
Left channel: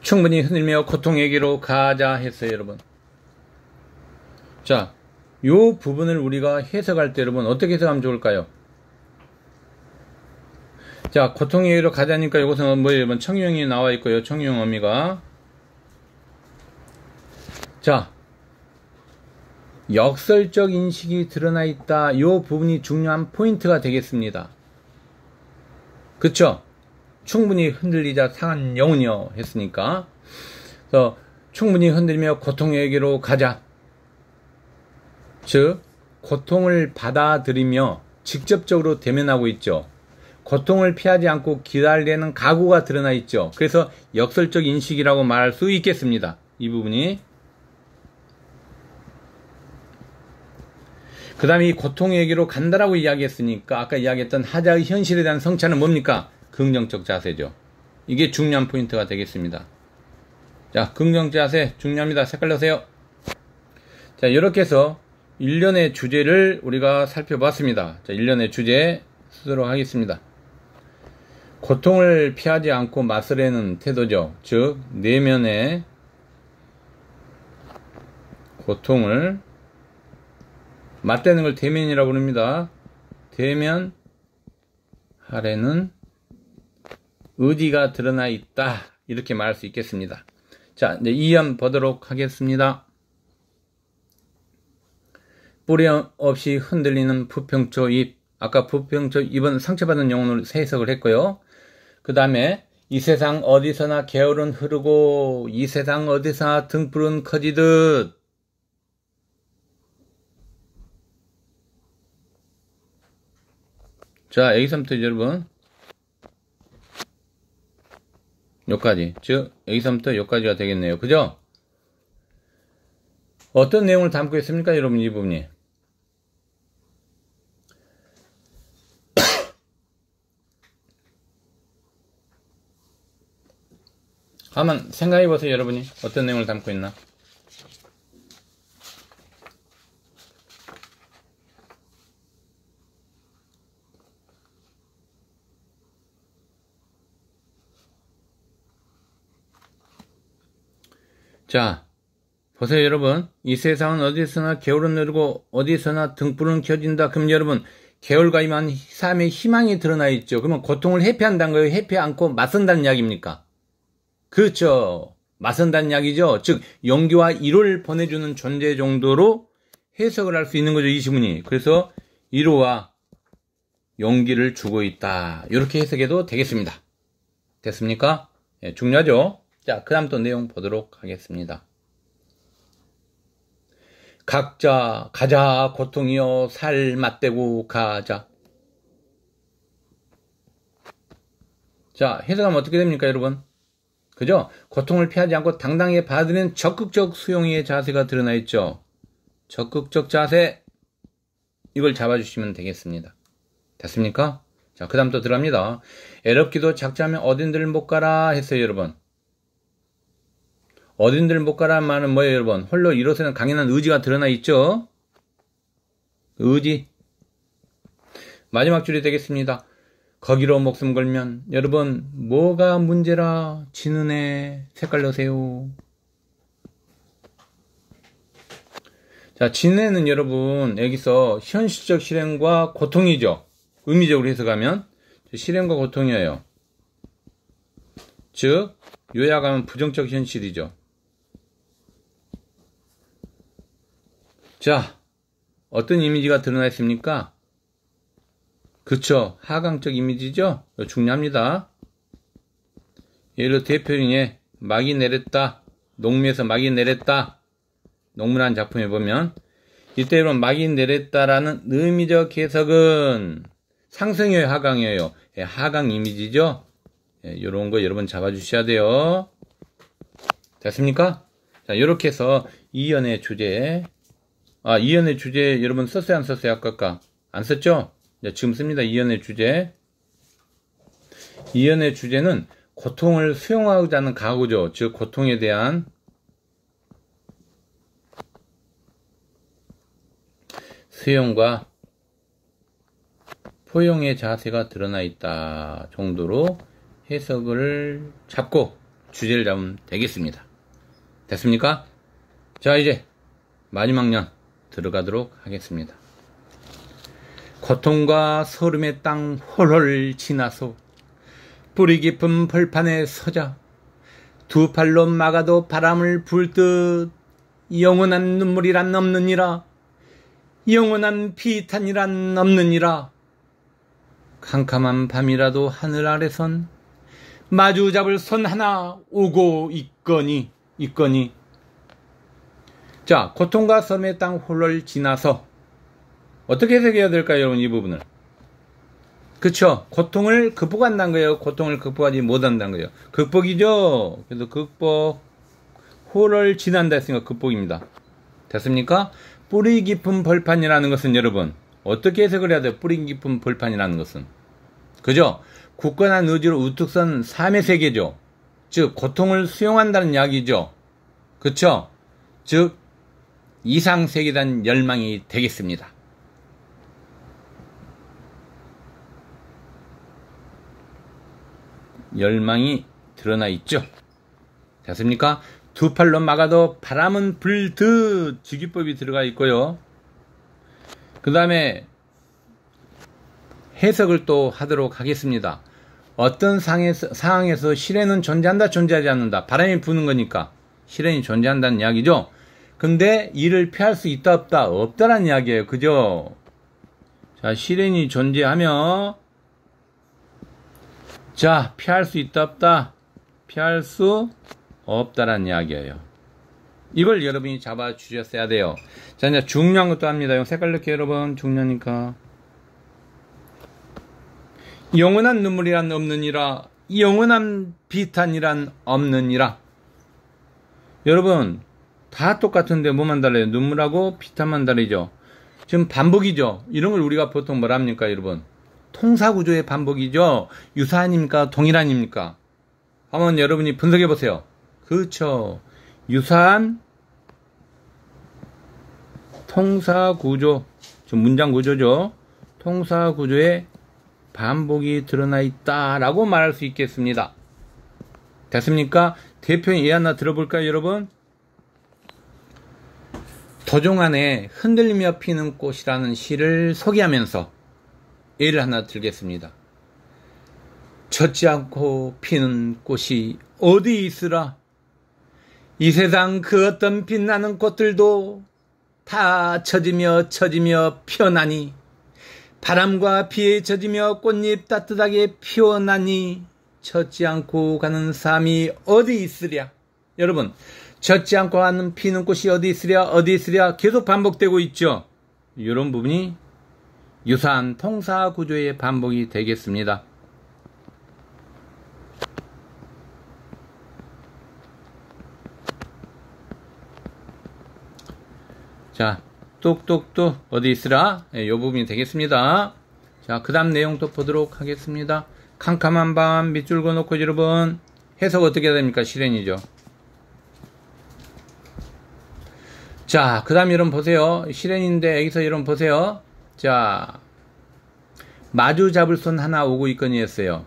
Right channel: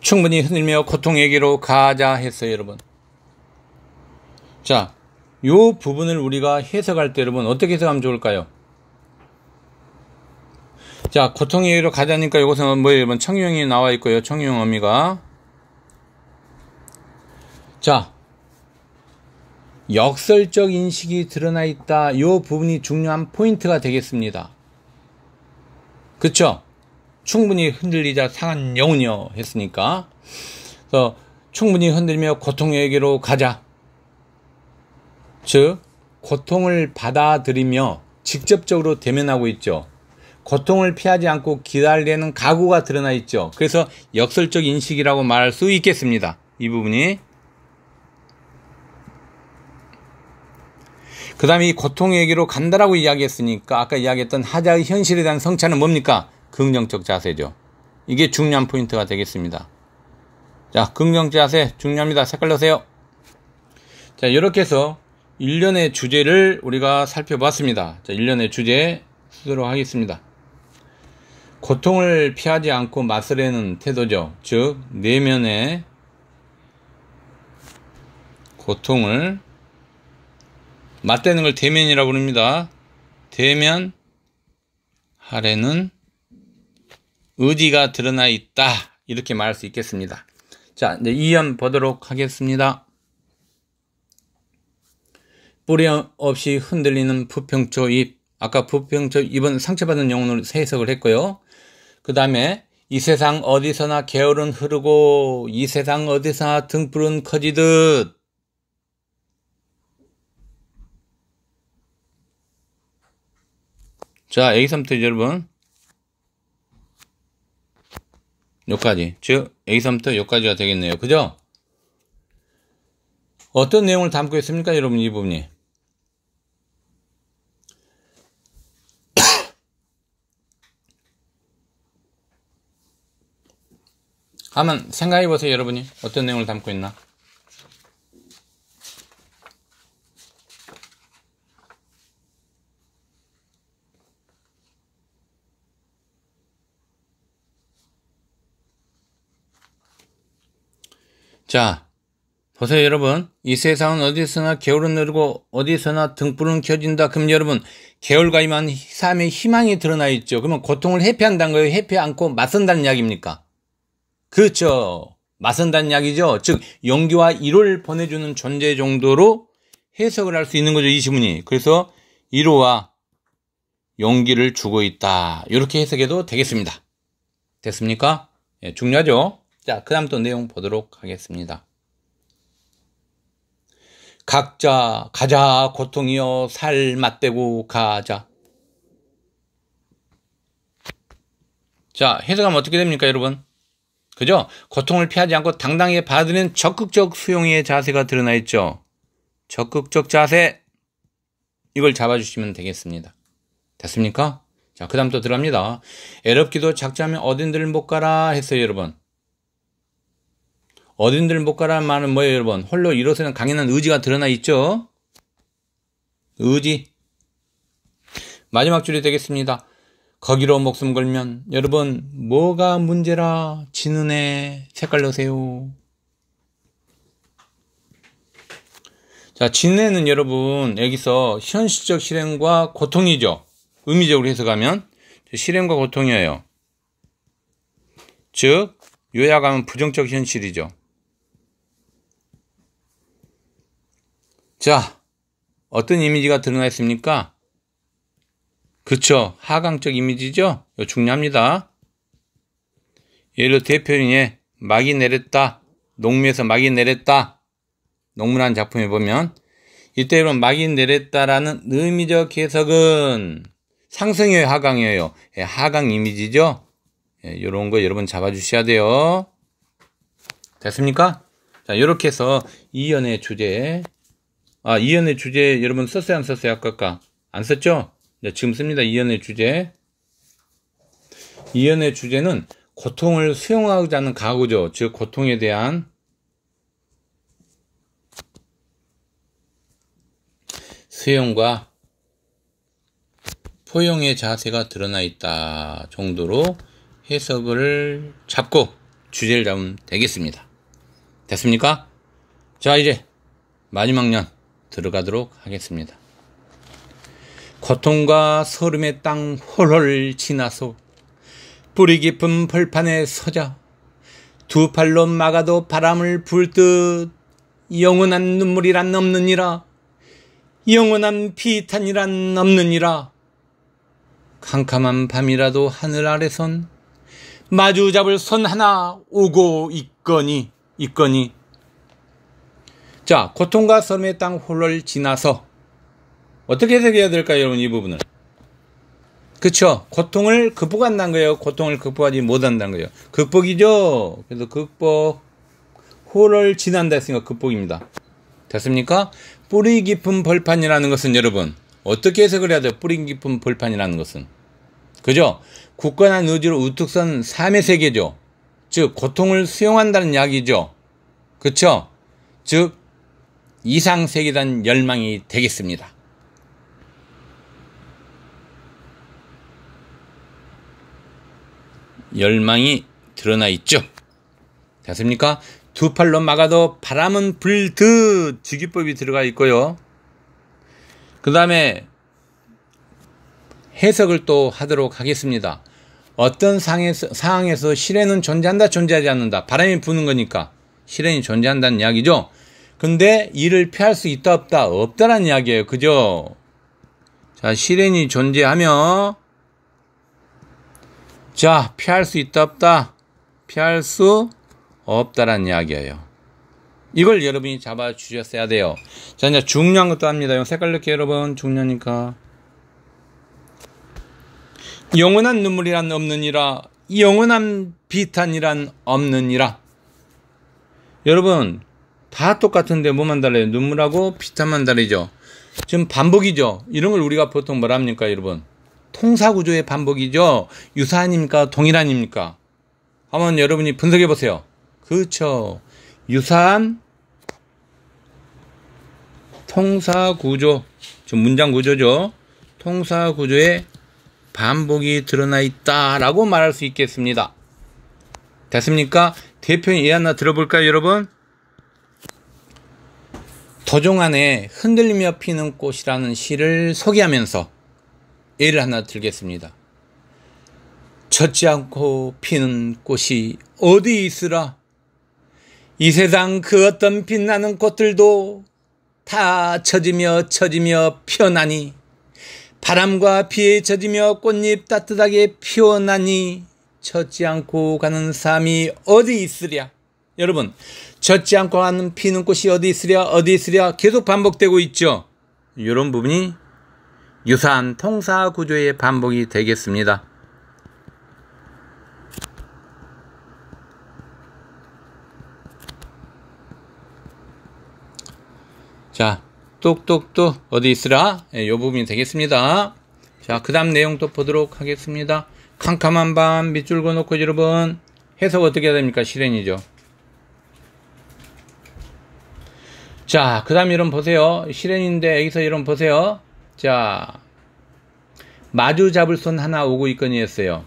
충분히 흔들며 고통에게로 가자 했어요, 여러분. 자, 요 부분을 우리가 해석할 때 여러분 어떻게 해석하면 좋을까요? 자, 고통에게로 가자니까 이것은 뭐예요, 여러분? 청유형이 나와 있고요. 청유형 어미가. 자, 역설적 인식이 드러나 있다. 요 부분이 중요한 포인트가 되겠습니다. 그쵸? 충분히 흔들리자 상한 영혼이여 했으니까. 그래서 충분히 흔들며 고통에게로 가자. 즉 고통을 받아들이며 직접적으로 대면하고 있죠. 고통을 피하지 않고 기다리는 각오가 드러나 있죠. 그래서 역설적 인식이라고 말할 수 있겠습니다. 이 부분이. 그 다음에 이 고통에게로 간다라고 이야기했으니까 아까 이야기했던 하자의 현실에 대한 성찰은 뭡니까? 긍정적 자세죠. 이게 중요한 포인트가 되겠습니다. 자, 긍정적 자세 중요합니다. 색깔 넣으세요. 자, 이렇게 해서 일련의 주제를 우리가 살펴봤습니다. 자, 일련의 주제 쓰도록 하겠습니다. 고통을 피하지 않고 맞서려는 태도죠. 즉 내면의 고통을 맞대는 걸 대면이라고 부릅니다. 대면하려는 의지가 드러나 있다. 이렇게 말할 수 있겠습니다. 자, 이제 이연 보도록 하겠습니다. 뿌리 없이 흔들리는 부평초 잎. 아까 부평초 잎은 상처받은 영혼으로 해석을 했고요. 그 다음에 이 세상 어디서나 개울은 흐르고 이 세상 어디서나 등불은 커지듯. 자, 여기서부터 여러분 여기까지, 즉 여기서부터 여기까지가 되겠네요. 그죠? 어떤 내용을 담고 있습니까, 여러분? 이 부분이 한번 생각해 보세요. 여러분이 어떤 내용을 담고 있나? 자, 보세요, 여러분. 이 세상은 어디서나 개울은 흐르고 어디서나 등불은 켜진다. 그럼 여러분, 개울과 임한 삶의 희망이 드러나 있죠. 그러면 고통을 회피한다는 거예요? 회피 않고 맞선다는 이야기입니까? 그렇죠. 맞선다는 이야기죠. 즉 용기와 위로를 보내주는 존재 정도로 해석을 할 수 있는 거죠, 이 지문이. 그래서 위로와 용기를 주고 있다. 이렇게 해석해도 되겠습니다. 됐습니까? 예, 중요하죠. 자, 그 다음 또 내용 보도록 하겠습니다. 각자 가자 고통이여 살 맞대고 가자. 자, 해석하면 어떻게 됩니까, 여러분? 그죠? 고통을 피하지 않고 당당하게 받아들이는 적극적 수용의 자세가 드러나 있죠. 적극적 자세. 이걸 잡아주시면 되겠습니다. 됐습니까? 자, 그 다음 또 들어갑니다. 애럽기도 작자면 어딘들 못 가라 했어요, 여러분. 어딘들 못 가라는 말은 뭐예요, 여러분? 홀로 일어서는 강인한 의지가 드러나 있죠? 의지. 마지막 줄이 되겠습니다. 거기로 목숨 걸면 여러분 뭐가 문제라 진은혜 색깔 넣으세요. 자, 진혜는 여러분 여기서 현실적 실행과 고통이죠. 의미적으로 해석하면 실행과 고통이에요. 즉 요약하면 부정적 현실이죠. 자, 어떤 이미지가 드러나 있습니까? 그쵸, 하강적 이미지죠. 이거 중요합니다. 예를 들어 대표인의 막이 내렸다, 농미에서 막이 내렸다, 농문한 작품에 보면 이때 여러분 막이 내렸다라는 의미적 해석은 상승이에요, 하강이에요? 예, 하강 이미지죠. 예, 이런 거 여러분 잡아주셔야 돼요. 됐습니까? 자, 이렇게 해서 이연의 주제, 이연의 주제 여러분 썼어요, 안 썼어요? 아까 안 썼죠? 네, 지금 씁니다. 이연의 주제. 이연의 주제는 고통을 수용하자는 각오죠. 즉 고통에 대한 수용과 포용의 자세가 드러나 있다 정도로 해석을 잡고 주제를 잡으면 되겠습니다. 됐습니까? 자, 이제 마지막 년 들어가도록 하겠습니다. 고통과 소름의 땅 홀홀 지나서 뿌리 깊은 벌판에 서자 두 팔로 막아도 바람을 불 듯 영원한 눈물이란 없느니라, 영원한 비탄이란 없느니라. 캄캄한 밤이라도 하늘 아래선 마주 잡을 선 하나 오고 있거니. 자, 고통과 소름의 땅 홀홀 지나서 어떻게 해석해야 될까요, 여러분? 이 부분을. 그쵸? 고통을 극복한다는 거예요. 고통을 극복하지 못한다는 거예요. 극복이죠? 그래서 극복, 홀을 지난다 했으니까 극복입니다. 됐습니까? 뿌리 깊은 벌판이라는 것은 여러분, 어떻게 해석을 해야 돼요? 뿌리 깊은 벌판이라는 것은. 그죠? 굳건한 의지로 우뚝 선 삶의 세계죠. 즉, 고통을 수용한다는 이야기죠. 그쵸? 즉, 이상세계에 대한 열망이 되겠습니다. 열망이 드러나 있죠. 됐습니까? 두 팔로 막아도 바람은 불듯 직유법이 들어가 있고요. 그 다음에 해석을 또 하도록 하겠습니다. 어떤 상황에서 시련은 존재한다, 존재하지 않는다. 바람이 부는 거니까 시련이 존재한다는 이야기죠. 근데 이를 피할 수 있다, 없다? 없다라는 이야기예요. 그죠? 자, 시련이 존재하며 자, 피할 수 있다, 없다? 피할 수 없다라는 이야기예요. 이걸 여러분이 잡아주셨어야 돼요. 자, 이제 중요한 것도 합니다. 색깔 넣게 여러분, 중요하니까. 영원한 눈물이란 없느니라, 영원한 비탄이란 없느니라. 여러분, 다 똑같은데 뭐만 달라요? 눈물하고 비탄만 다르죠. 지금 반복이죠. 이런 걸 우리가 보통 뭐라 합니까, 여러분? 통사구조의 반복이죠. 유사한입니까? 동일한입니까? 한번 여러분이 분석해 보세요. 그렇죠. 유사한 통사구조, 지금 문장구조죠. 통사구조의 반복이 드러나 있다라고 말할 수 있겠습니다. 됐습니까? 대표인 예 하나 들어볼까요, 여러분? 도종 안에 흔들리며 피는 꽃이라는 시를 소개하면서 예를 하나 들겠습니다. 젖지 않고 피는 꽃이 어디 있으라. 이 세상 그 어떤 빛나는 꽃들도 다 젖으며 피어나니, 바람과 비에 젖으며 꽃잎 따뜻하게 피어나니 젖지 않고 가는 삶이 어디 있으랴. 여러분, 젖지 않고 가는 피는 꽃이 어디 있으랴 계속 반복되고 있죠. 이런 부분이 유사한 통사 구조의 반복이 되겠습니다. 자, 똑똑똑 어디 있으라? 이 부분이 되겠습니다. 자, 그 다음 내용 또 보도록 하겠습니다. 캄캄한 밤 밑줄 그어놓고 여러분 해석 어떻게 해야 됩니까? 실현이죠. 자, 그 다음 여러분 보세요. 실현인데 여기서 여러분 보세요. 자, 마주 잡을 손 하나 오고 있거니 했어요.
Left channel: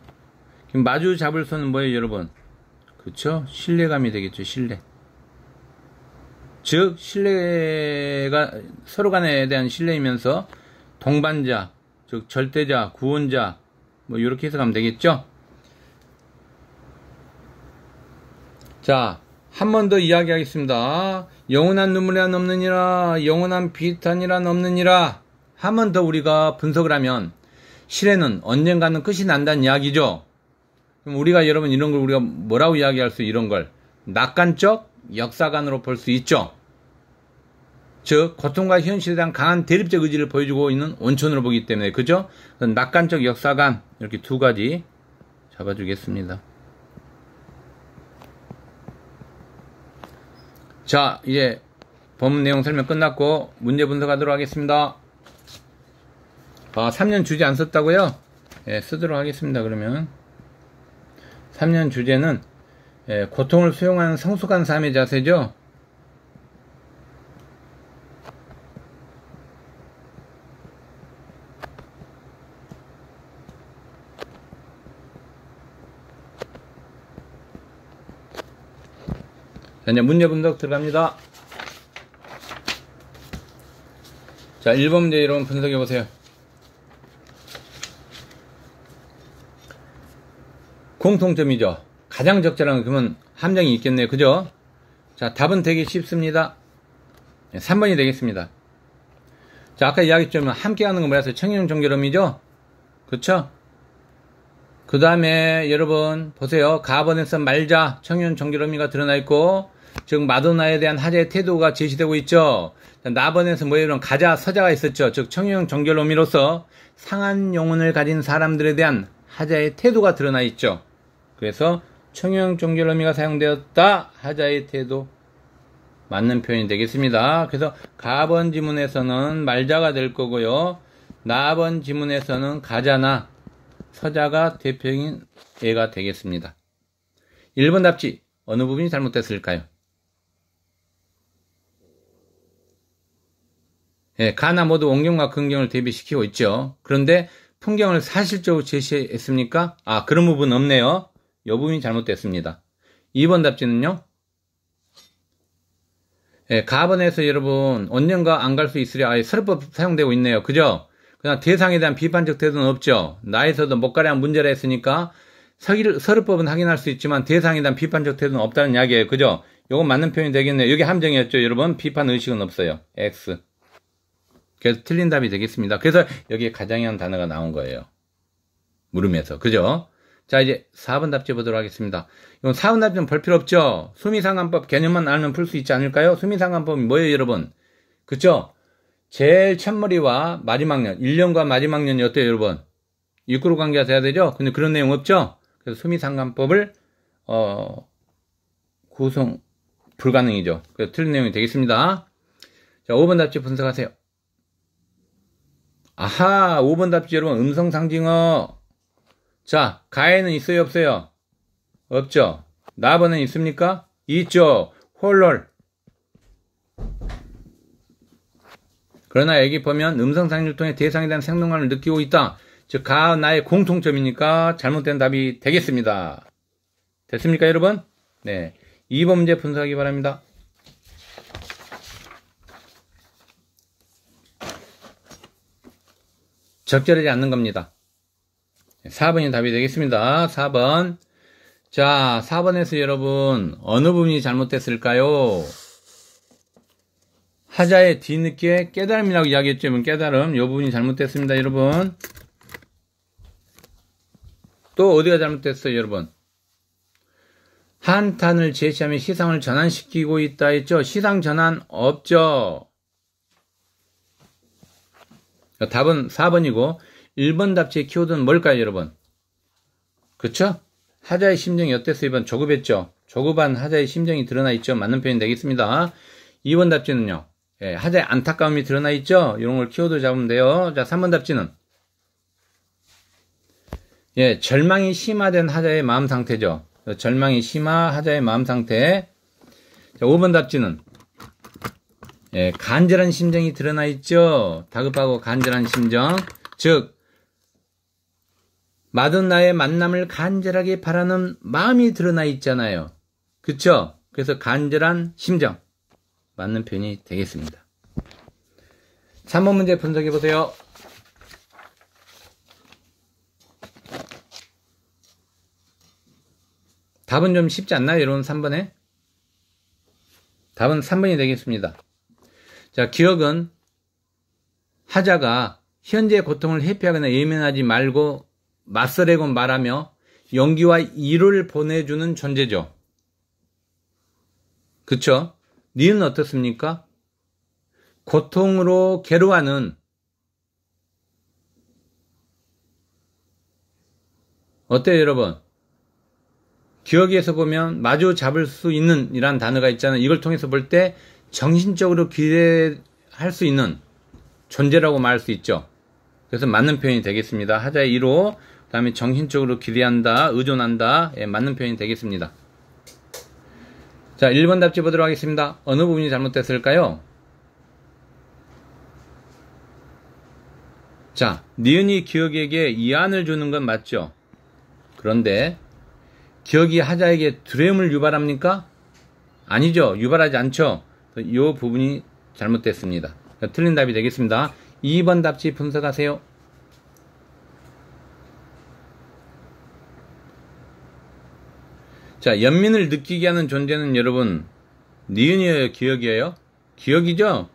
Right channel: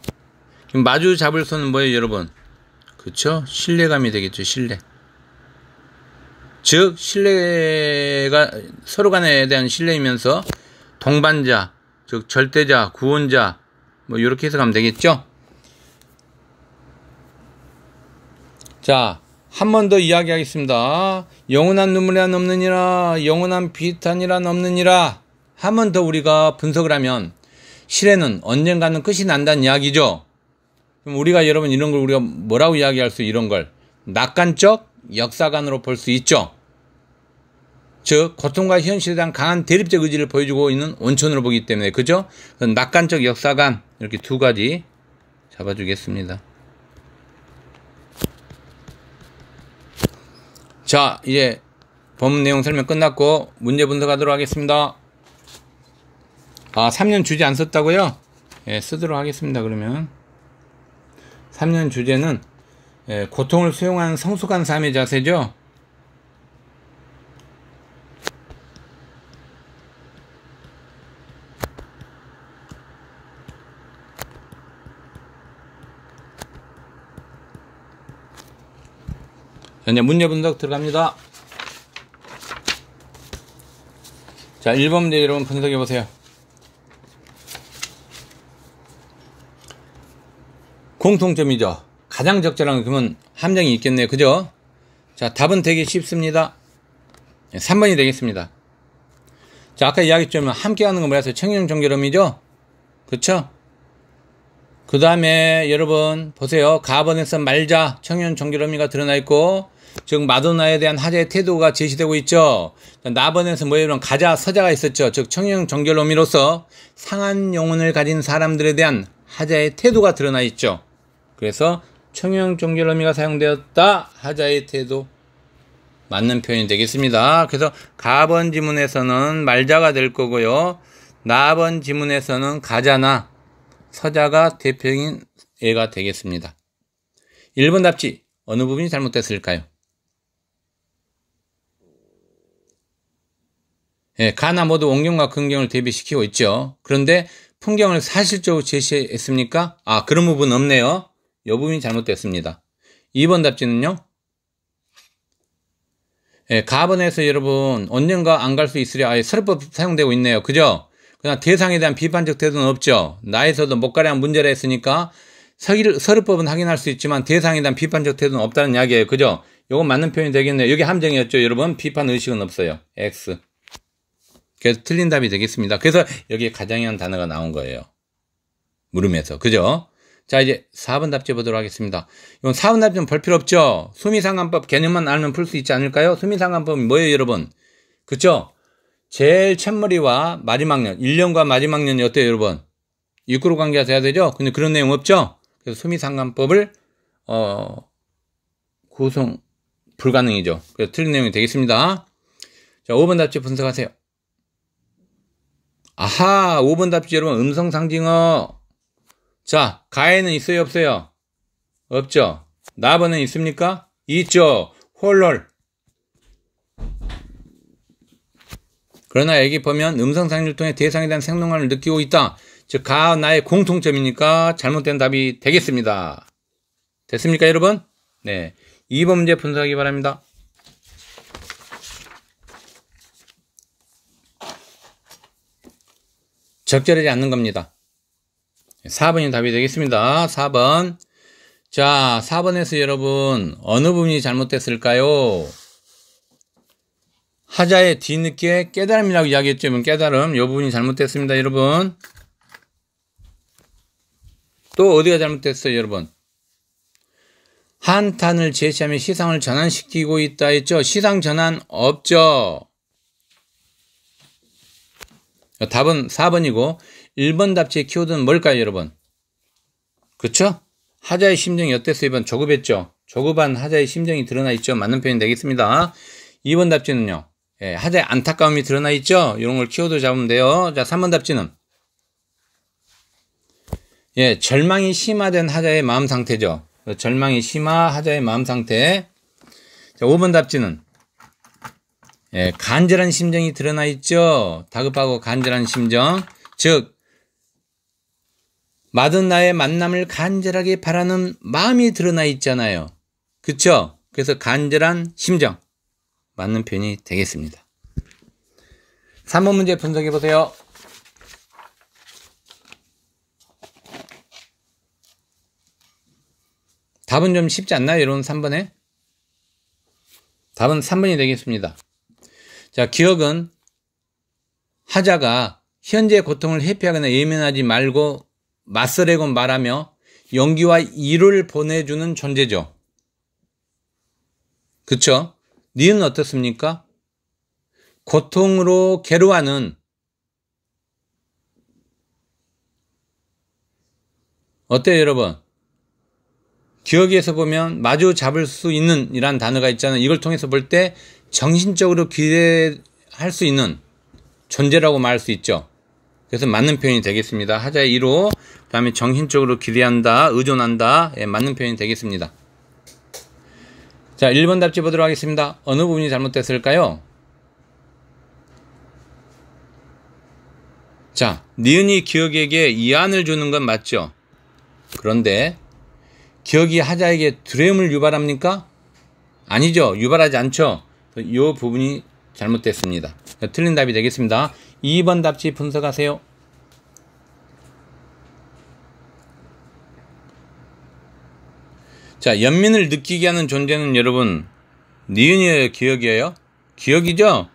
마주 잡을 손은 뭐예요 여러분? 그쵸? 신뢰감이 되겠죠. 신뢰. 즉 신뢰가 서로 간에 대한 신뢰이면서 동반자, 즉 절대자, 구원자 뭐 이렇게 해석하면 되겠죠. 자, 한 번 더 이야기하겠습니다. 영원한 눈물이란 없느니라, 영원한 비탄이란 없느니라. 한 번 더 우리가 분석을 하면 실해는 언젠가는 끝이 난다는 이야기죠. 그럼 우리가 여러분 이런 걸 우리가 뭐라고 이야기할 수 이런 걸 낙관적 역사관으로 볼 수 있죠. 즉 고통과 현실에 대한 강한 대립적 의지를 보여주고 있는 원천으로 보기 때문에 그죠? 낙관적 역사관 이렇게 두 가지 잡아주겠습니다. 자, 이제 본문 내용 설명 끝났고 문제 분석하도록 하겠습니다. 3년 주제 안 썼다고요? 예, 쓰도록 하겠습니다. 그러면 3년 주제는 고통을 수용하는 성숙한 삶의 자세죠. 이제 문제 분석 들어갑니다. 자, 1번 문제 여러분 분석해 보세요. 공통점이죠. 가장 적절한 그러면 함정이 있겠네요. 그죠? 자, 답은 되게 쉽습니다. 3번이 되겠습니다. 자, 아까 이야기했지만 함께 하는 건 뭐라서 청년 정결함이죠? 그쵸? 그 다음에 여러분 보세요. 가번에서 말자 청년 정결함이가 드러나 있고 즉 마도나에 대한 하자의 태도가 제시되고 있죠. 나번에서 뭐예요? 가자 서자가 있었죠. 즉 청년 정결함이로서 상한 영혼을 가진 사람들에 대한 하자의 태도가 드러나 있죠. 그래서 청형 정결함이가 사용되었다. 하자의 태도 맞는 표현이 되겠습니다. 그래서 가번 지문에서는 말자가 될 거고요. 나번 지문에서는 가자나 서자가 대표인 예가 되겠습니다. 1번 답지 어느 부분이 잘못됐을까요? 예, 가나 모두 원경과 근경을 대비시키고 있죠. 그런데 풍경을 사실적으로 제시했습니까? 그런 부분 없네요. 이 부분이 잘못됐습니다. 2번 답지는요. 예, 가번에서 여러분 언젠가 안 갈 수 있으랴 서류법 사용되고 있네요. 그죠? 그냥 대상에 대한 비판적 태도는 없죠. 나에서도 못 가려한 문제라 했으니까 서류법은 확인할 수 있지만 대상에 대한 비판적 태도는 없다는 이야기예요. 그죠? 요건 맞는 표현이 되겠네요. 여기 함정이었죠. 여러분 비판 의식은 없어요. X. 그래서 틀린 답이 되겠습니다. 그래서 여기에 가장이라는 단어가 나온 거예요. 물음에서. 그죠? 자, 이제 4번 답지 보도록 하겠습니다. 이건 4번 답지는 볼 필요 없죠? 수미상관법 개념만 알면 풀 수 있지 않을까요? 수미상관법이 뭐예요, 여러분? 그쵸? 제일 첫머리와 마지막 년, 1년과 마지막 년이 어때요, 여러분? 육구로 관계가 돼야 되죠? 근데 그런 내용 없죠? 그래서 수미상관법을, 구성 불가능이죠. 그래서 틀린 내용이 되겠습니다. 자, 5번 답지 분석하세요. 아하, 5번 답지 여러분, 음성상징어. 자, 가에는 있어요, 없어요? 없죠? 나번은 있습니까? 있죠. 홀럴. 그러나 여기 보면 음성상징을 통해 대상에 대한 생동감을 느끼고 있다. 즉, 가, 나의 공통점이니까 잘못된 답이 되겠습니다. 됐습니까, 여러분? 네. 2번 문제 분석하기 바랍니다. 적절하지 않는 겁니다. 4번이 답이 되겠습니다. 4번. 자, 4번에서 여러분 어느 부분이 잘못됐을까요? 하자의 뒤늦게 깨달음이라고 이야기했죠. 깨달음. 이 부분이 잘못됐습니다. 여러분. 또 어디가 잘못됐어요, 여러분? 한탄을 제시하며 시상을 전환시키고 있다 했죠. 시상 전환 없죠. 답은 4번이고 1번 답지의 키워드는 뭘까요, 여러분? 그쵸? 하자의 심정이 어땠어요? 이번 조급했죠? 조급한 하자의 심정이 드러나 있죠? 맞는 표현이 되겠습니다. 2번 답지는요. 예, 하자의 안타까움이 드러나 있죠. 이런 걸 키워드 잡으면 돼요. 자, 3번 답지는 예, 절망이 심화된 하자의 마음 상태죠. 절망이 심화 하자의 마음 상태. 자, 5번 답지는 예, 간절한 심정이 드러나 있죠. 다급하고 간절한 심정. 즉 마돈나의 만남을 간절하게 바라는 마음이 드러나 있잖아요. 그쵸? 그래서 간절한 심정 맞는 표현이 되겠습니다. 3번 문제 분석해 보세요. 답은 좀 쉽지 않나요? 여러분 3번에? 답은 3번이 되겠습니다. 자, 기억은 하자가 현재의 고통을 회피하거나 예민하지 말고 맞서려고 말하며 용기와 이루를 보내주는 존재죠. 그쵸? 니은 어떻습니까? 고통으로 괴로워하는 어때요 여러분? 기억에서 보면 마주 잡을 수 있는 이란 단어가 있잖아요. 이걸 통해서 볼 때 정신적으로 기대할 수 있는 존재라고 말할 수 있죠. 그래서 맞는 표현이 되겠습니다. 하자의 1호, 그 다음에 정신적으로 기대한다, 의존한다. 예, 맞는 표현이 되겠습니다. 자, 1번 답지 보도록 하겠습니다. 어느 부분이 잘못됐을까요? 자, 니은이 기억에게 이안을 주는 건 맞죠? 그런데 기억이 하자에게 두려움을 유발합니까? 아니죠. 유발하지 않죠. 이 부분이 잘못됐습니다. 틀린 답이 되겠습니다. 2번 답지 분석하세요. 자, 연민을 느끼게 하는 존재는 여러분 니은이에요, 기억이에요? 기억이죠?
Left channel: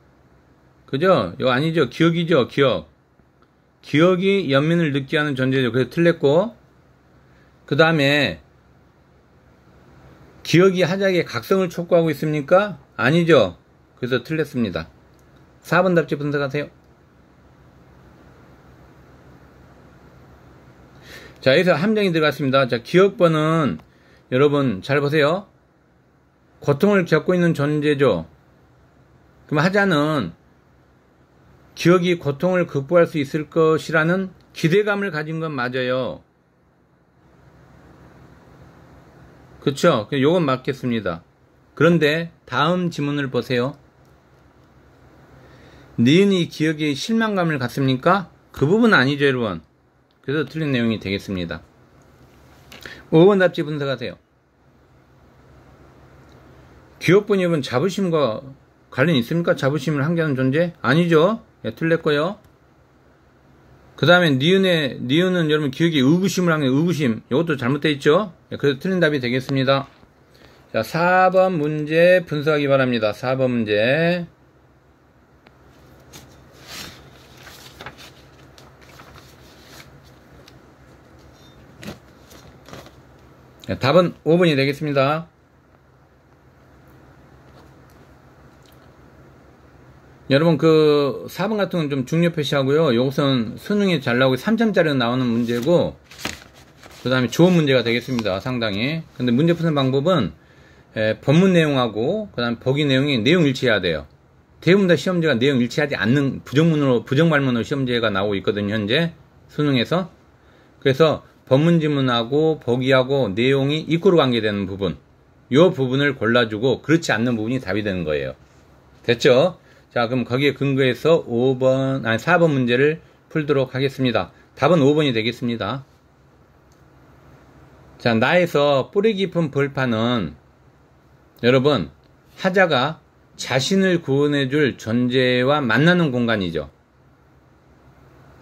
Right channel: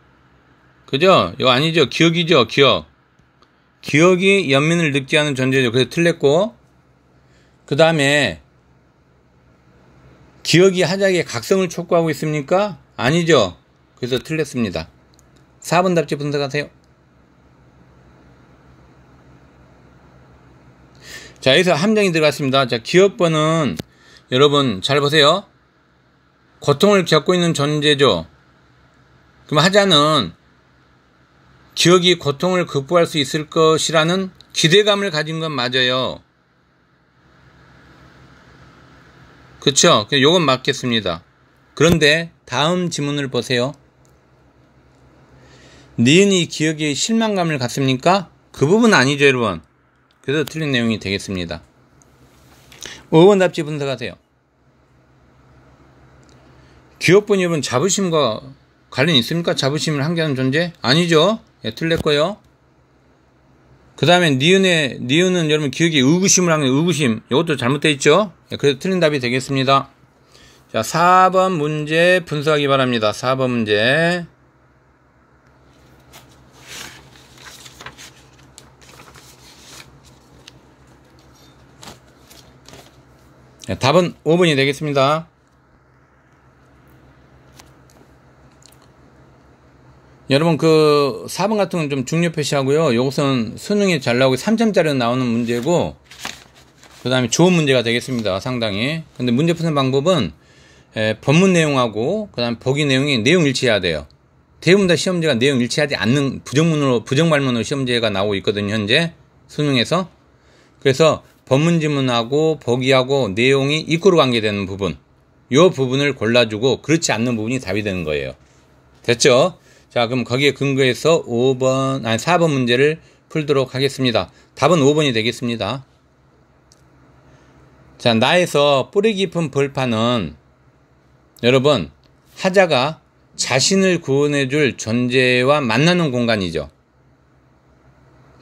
그죠? 이거 아니죠? 기억이죠, 기억. 기억이 연민을 느끼게 하는 존재죠. 그래서 틀렸고, 그 다음에 기억이 하자에게 각성을 촉구하고 있습니까? 아니죠. 그래서 틀렸습니다. 4번 답지 분석하세요. 자, 여기서 함정이 들어갔습니다. 자, 기억번은 여러분 잘 보세요. 고통을 겪고 있는 존재죠. 그럼 하자는 기억이 고통을 극복할 수 있을 것이라는 기대감을 가진 건 맞아요. 그쵸? 요건 맞겠습니다. 그런데 다음 지문을 보세요. 니은이 기억에 실망감을 갖습니까? 그 부분은 아니죠, 여러분. 그래서 틀린 내용이 되겠습니다. 5번 답지 분석하세요. 기억분이 여러분 자부심과 관련이 있습니까? 자부심을 함께하는 존재? 아니죠. 예, 틀렸고요. 그 다음에 니은은 여러분 기억에 의구심을 하는 의구심. 이것도 잘못되어 있죠. 예, 그래서 틀린 답이 되겠습니다. 자, 4번 문제 분석하기 바랍니다. 4번 문제. 예, 답은 5번이 되겠습니다. 여러분 그 4번 같은 건 좀 중요 표시하고요. 이것은 수능에 잘 나오고 3점짜리로 나오는 문제고, 그 다음에 좋은 문제가 되겠습니다. 상당히. 근데 문제 푸는 방법은 본문 내용하고 그 다음에 보기 내용이 내용 일치해야 돼요. 대부분 다 시험지가 내용 일치하지 않는 부정발문으로 시험지가 나오고 있거든요. 현재 수능에서. 그래서 본문 지문하고 보기하고 내용이 이꼬로 관계되는 부분, 이 부분을 골라주고 그렇지 않는 부분이 답이 되는 거예요. 됐죠? 자, 그럼 거기에 근거해서 4번 문제를 풀도록 하겠습니다. 답은 5번이 되겠습니다. 자, 나에서 뿌리 깊은 벌판은 여러분 하자가 자신을 구원해줄 존재와 만나는 공간이죠.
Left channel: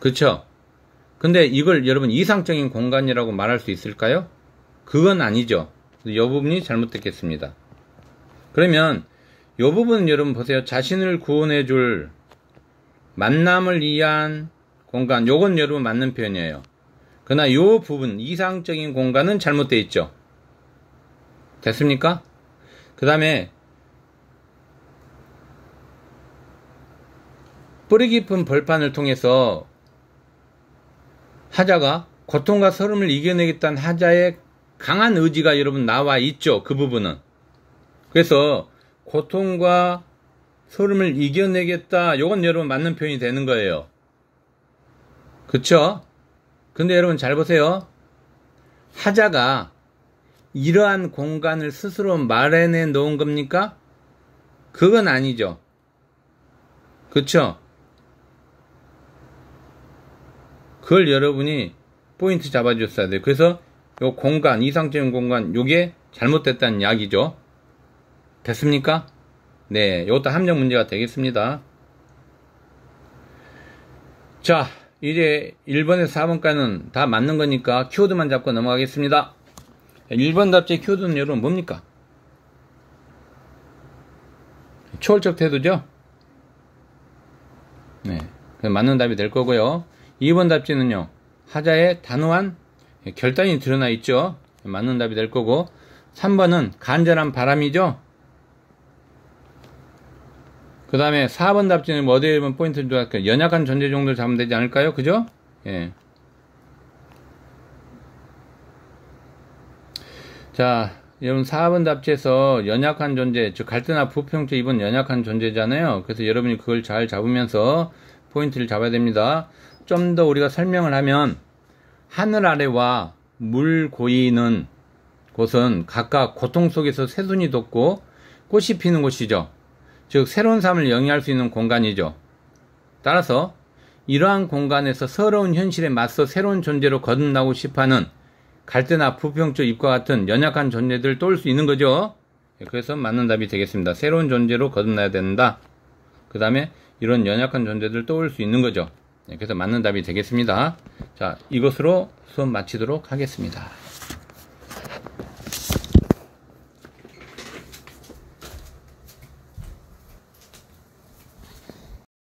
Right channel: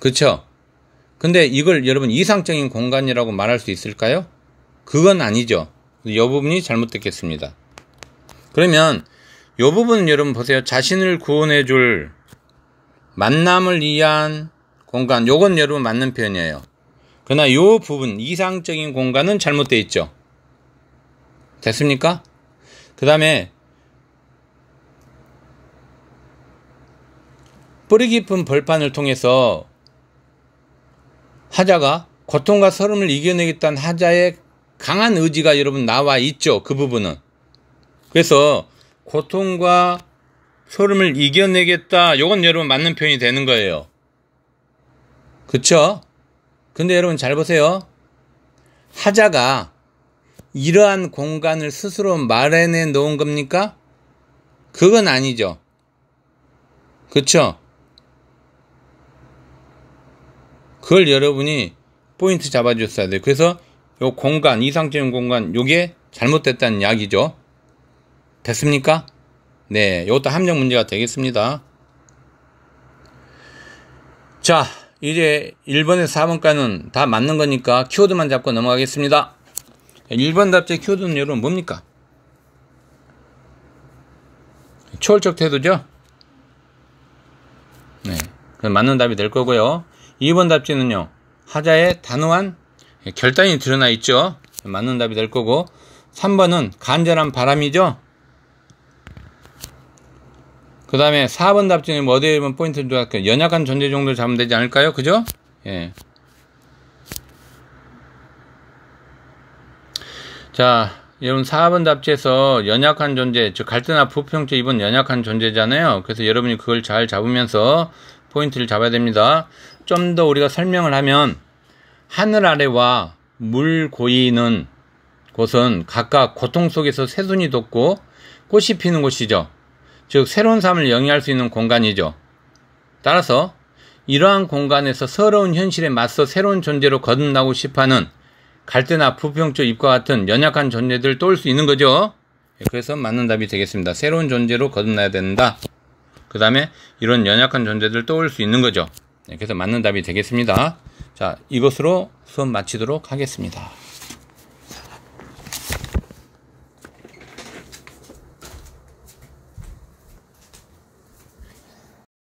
그쵸? 근데 이걸 여러분 이상적인 공간이라고 말할 수 있을까요? 그건 아니죠. 이 부분이 잘못됐겠습니다. 그러면 이 부분은 여러분 보세요. 자신을 구원해줄 만남을 위한 공간, 요건 여러분 맞는 표현이에요. 그러나 이 부분 이상적인 공간은 잘못되어 있죠. 됐습니까? 그 다음에 뿌리 깊은 벌판을 통해서 하자가 고통과 서름을 이겨내겠다는 하자의 강한 의지가 여러분 나와 있죠. 그 부분은. 그래서 고통과 소름을 이겨내겠다. 요건 여러분 맞는 표현이 되는 거예요. 그쵸? 근데 여러분 잘 보세요. 하자가 이러한 공간을 스스로 마련해 놓은 겁니까? 그건 아니죠. 그쵸? 그걸 여러분이 포인트 잡아줬어야 돼요. 그래서 요 공간, 이상적인 공간, 요게 잘못됐다는 이야기죠. 됐습니까? 네, 요것도 함정 문제가 되겠습니다. 자, 이제 1번에서 4번까지는 다 맞는 거니까 키워드만 잡고 넘어가겠습니다. 1번 답제 키워드는 여러분 뭡니까? 초월적 태도죠? 네, 그럼 맞는 답이 될 거고요. 2번 답지는요, 하자의 단호한 결단이 드러나 있죠. 맞는 답이 될 거고, 3번은 간절한 바람이죠. 그 다음에 4번 답지는 뭐 어디에 보면 포인트를 두할까요? 연약한 존재 정도를 잡으면 되지 않을까요? 그죠? 예. 자, 여러분 4번 답지에서 연약한 존재, 즉 갈등이나 부평적 입은 연약한 존재잖아요. 그래서 여러분이 그걸 잘 잡으면서 포인트를 잡아야 됩니다. 좀 더 우리가 설명을 하면, 하늘 아래와 물 고이는 곳은 각각 고통 속에서 새순이 돋고 꽃이 피는 곳이죠. 즉 새로운 삶을 영위할 수 있는 공간이죠. 따라서 이러한 공간에서 서러운 현실에 맞서 새로운 존재로 거듭나고 싶어하는 갈대나 부평적 잎과 같은 연약한 존재들을 떠올 수 있는 거죠. 그래서 맞는 답이 되겠습니다. 새로운 존재로 거듭나야 된다. 그 다음에 이런 연약한 존재들을 떠올 수 있는 거죠. 그래서 맞는 답이 되겠습니다. 자, 이것으로 수업 마치도록 하겠습니다.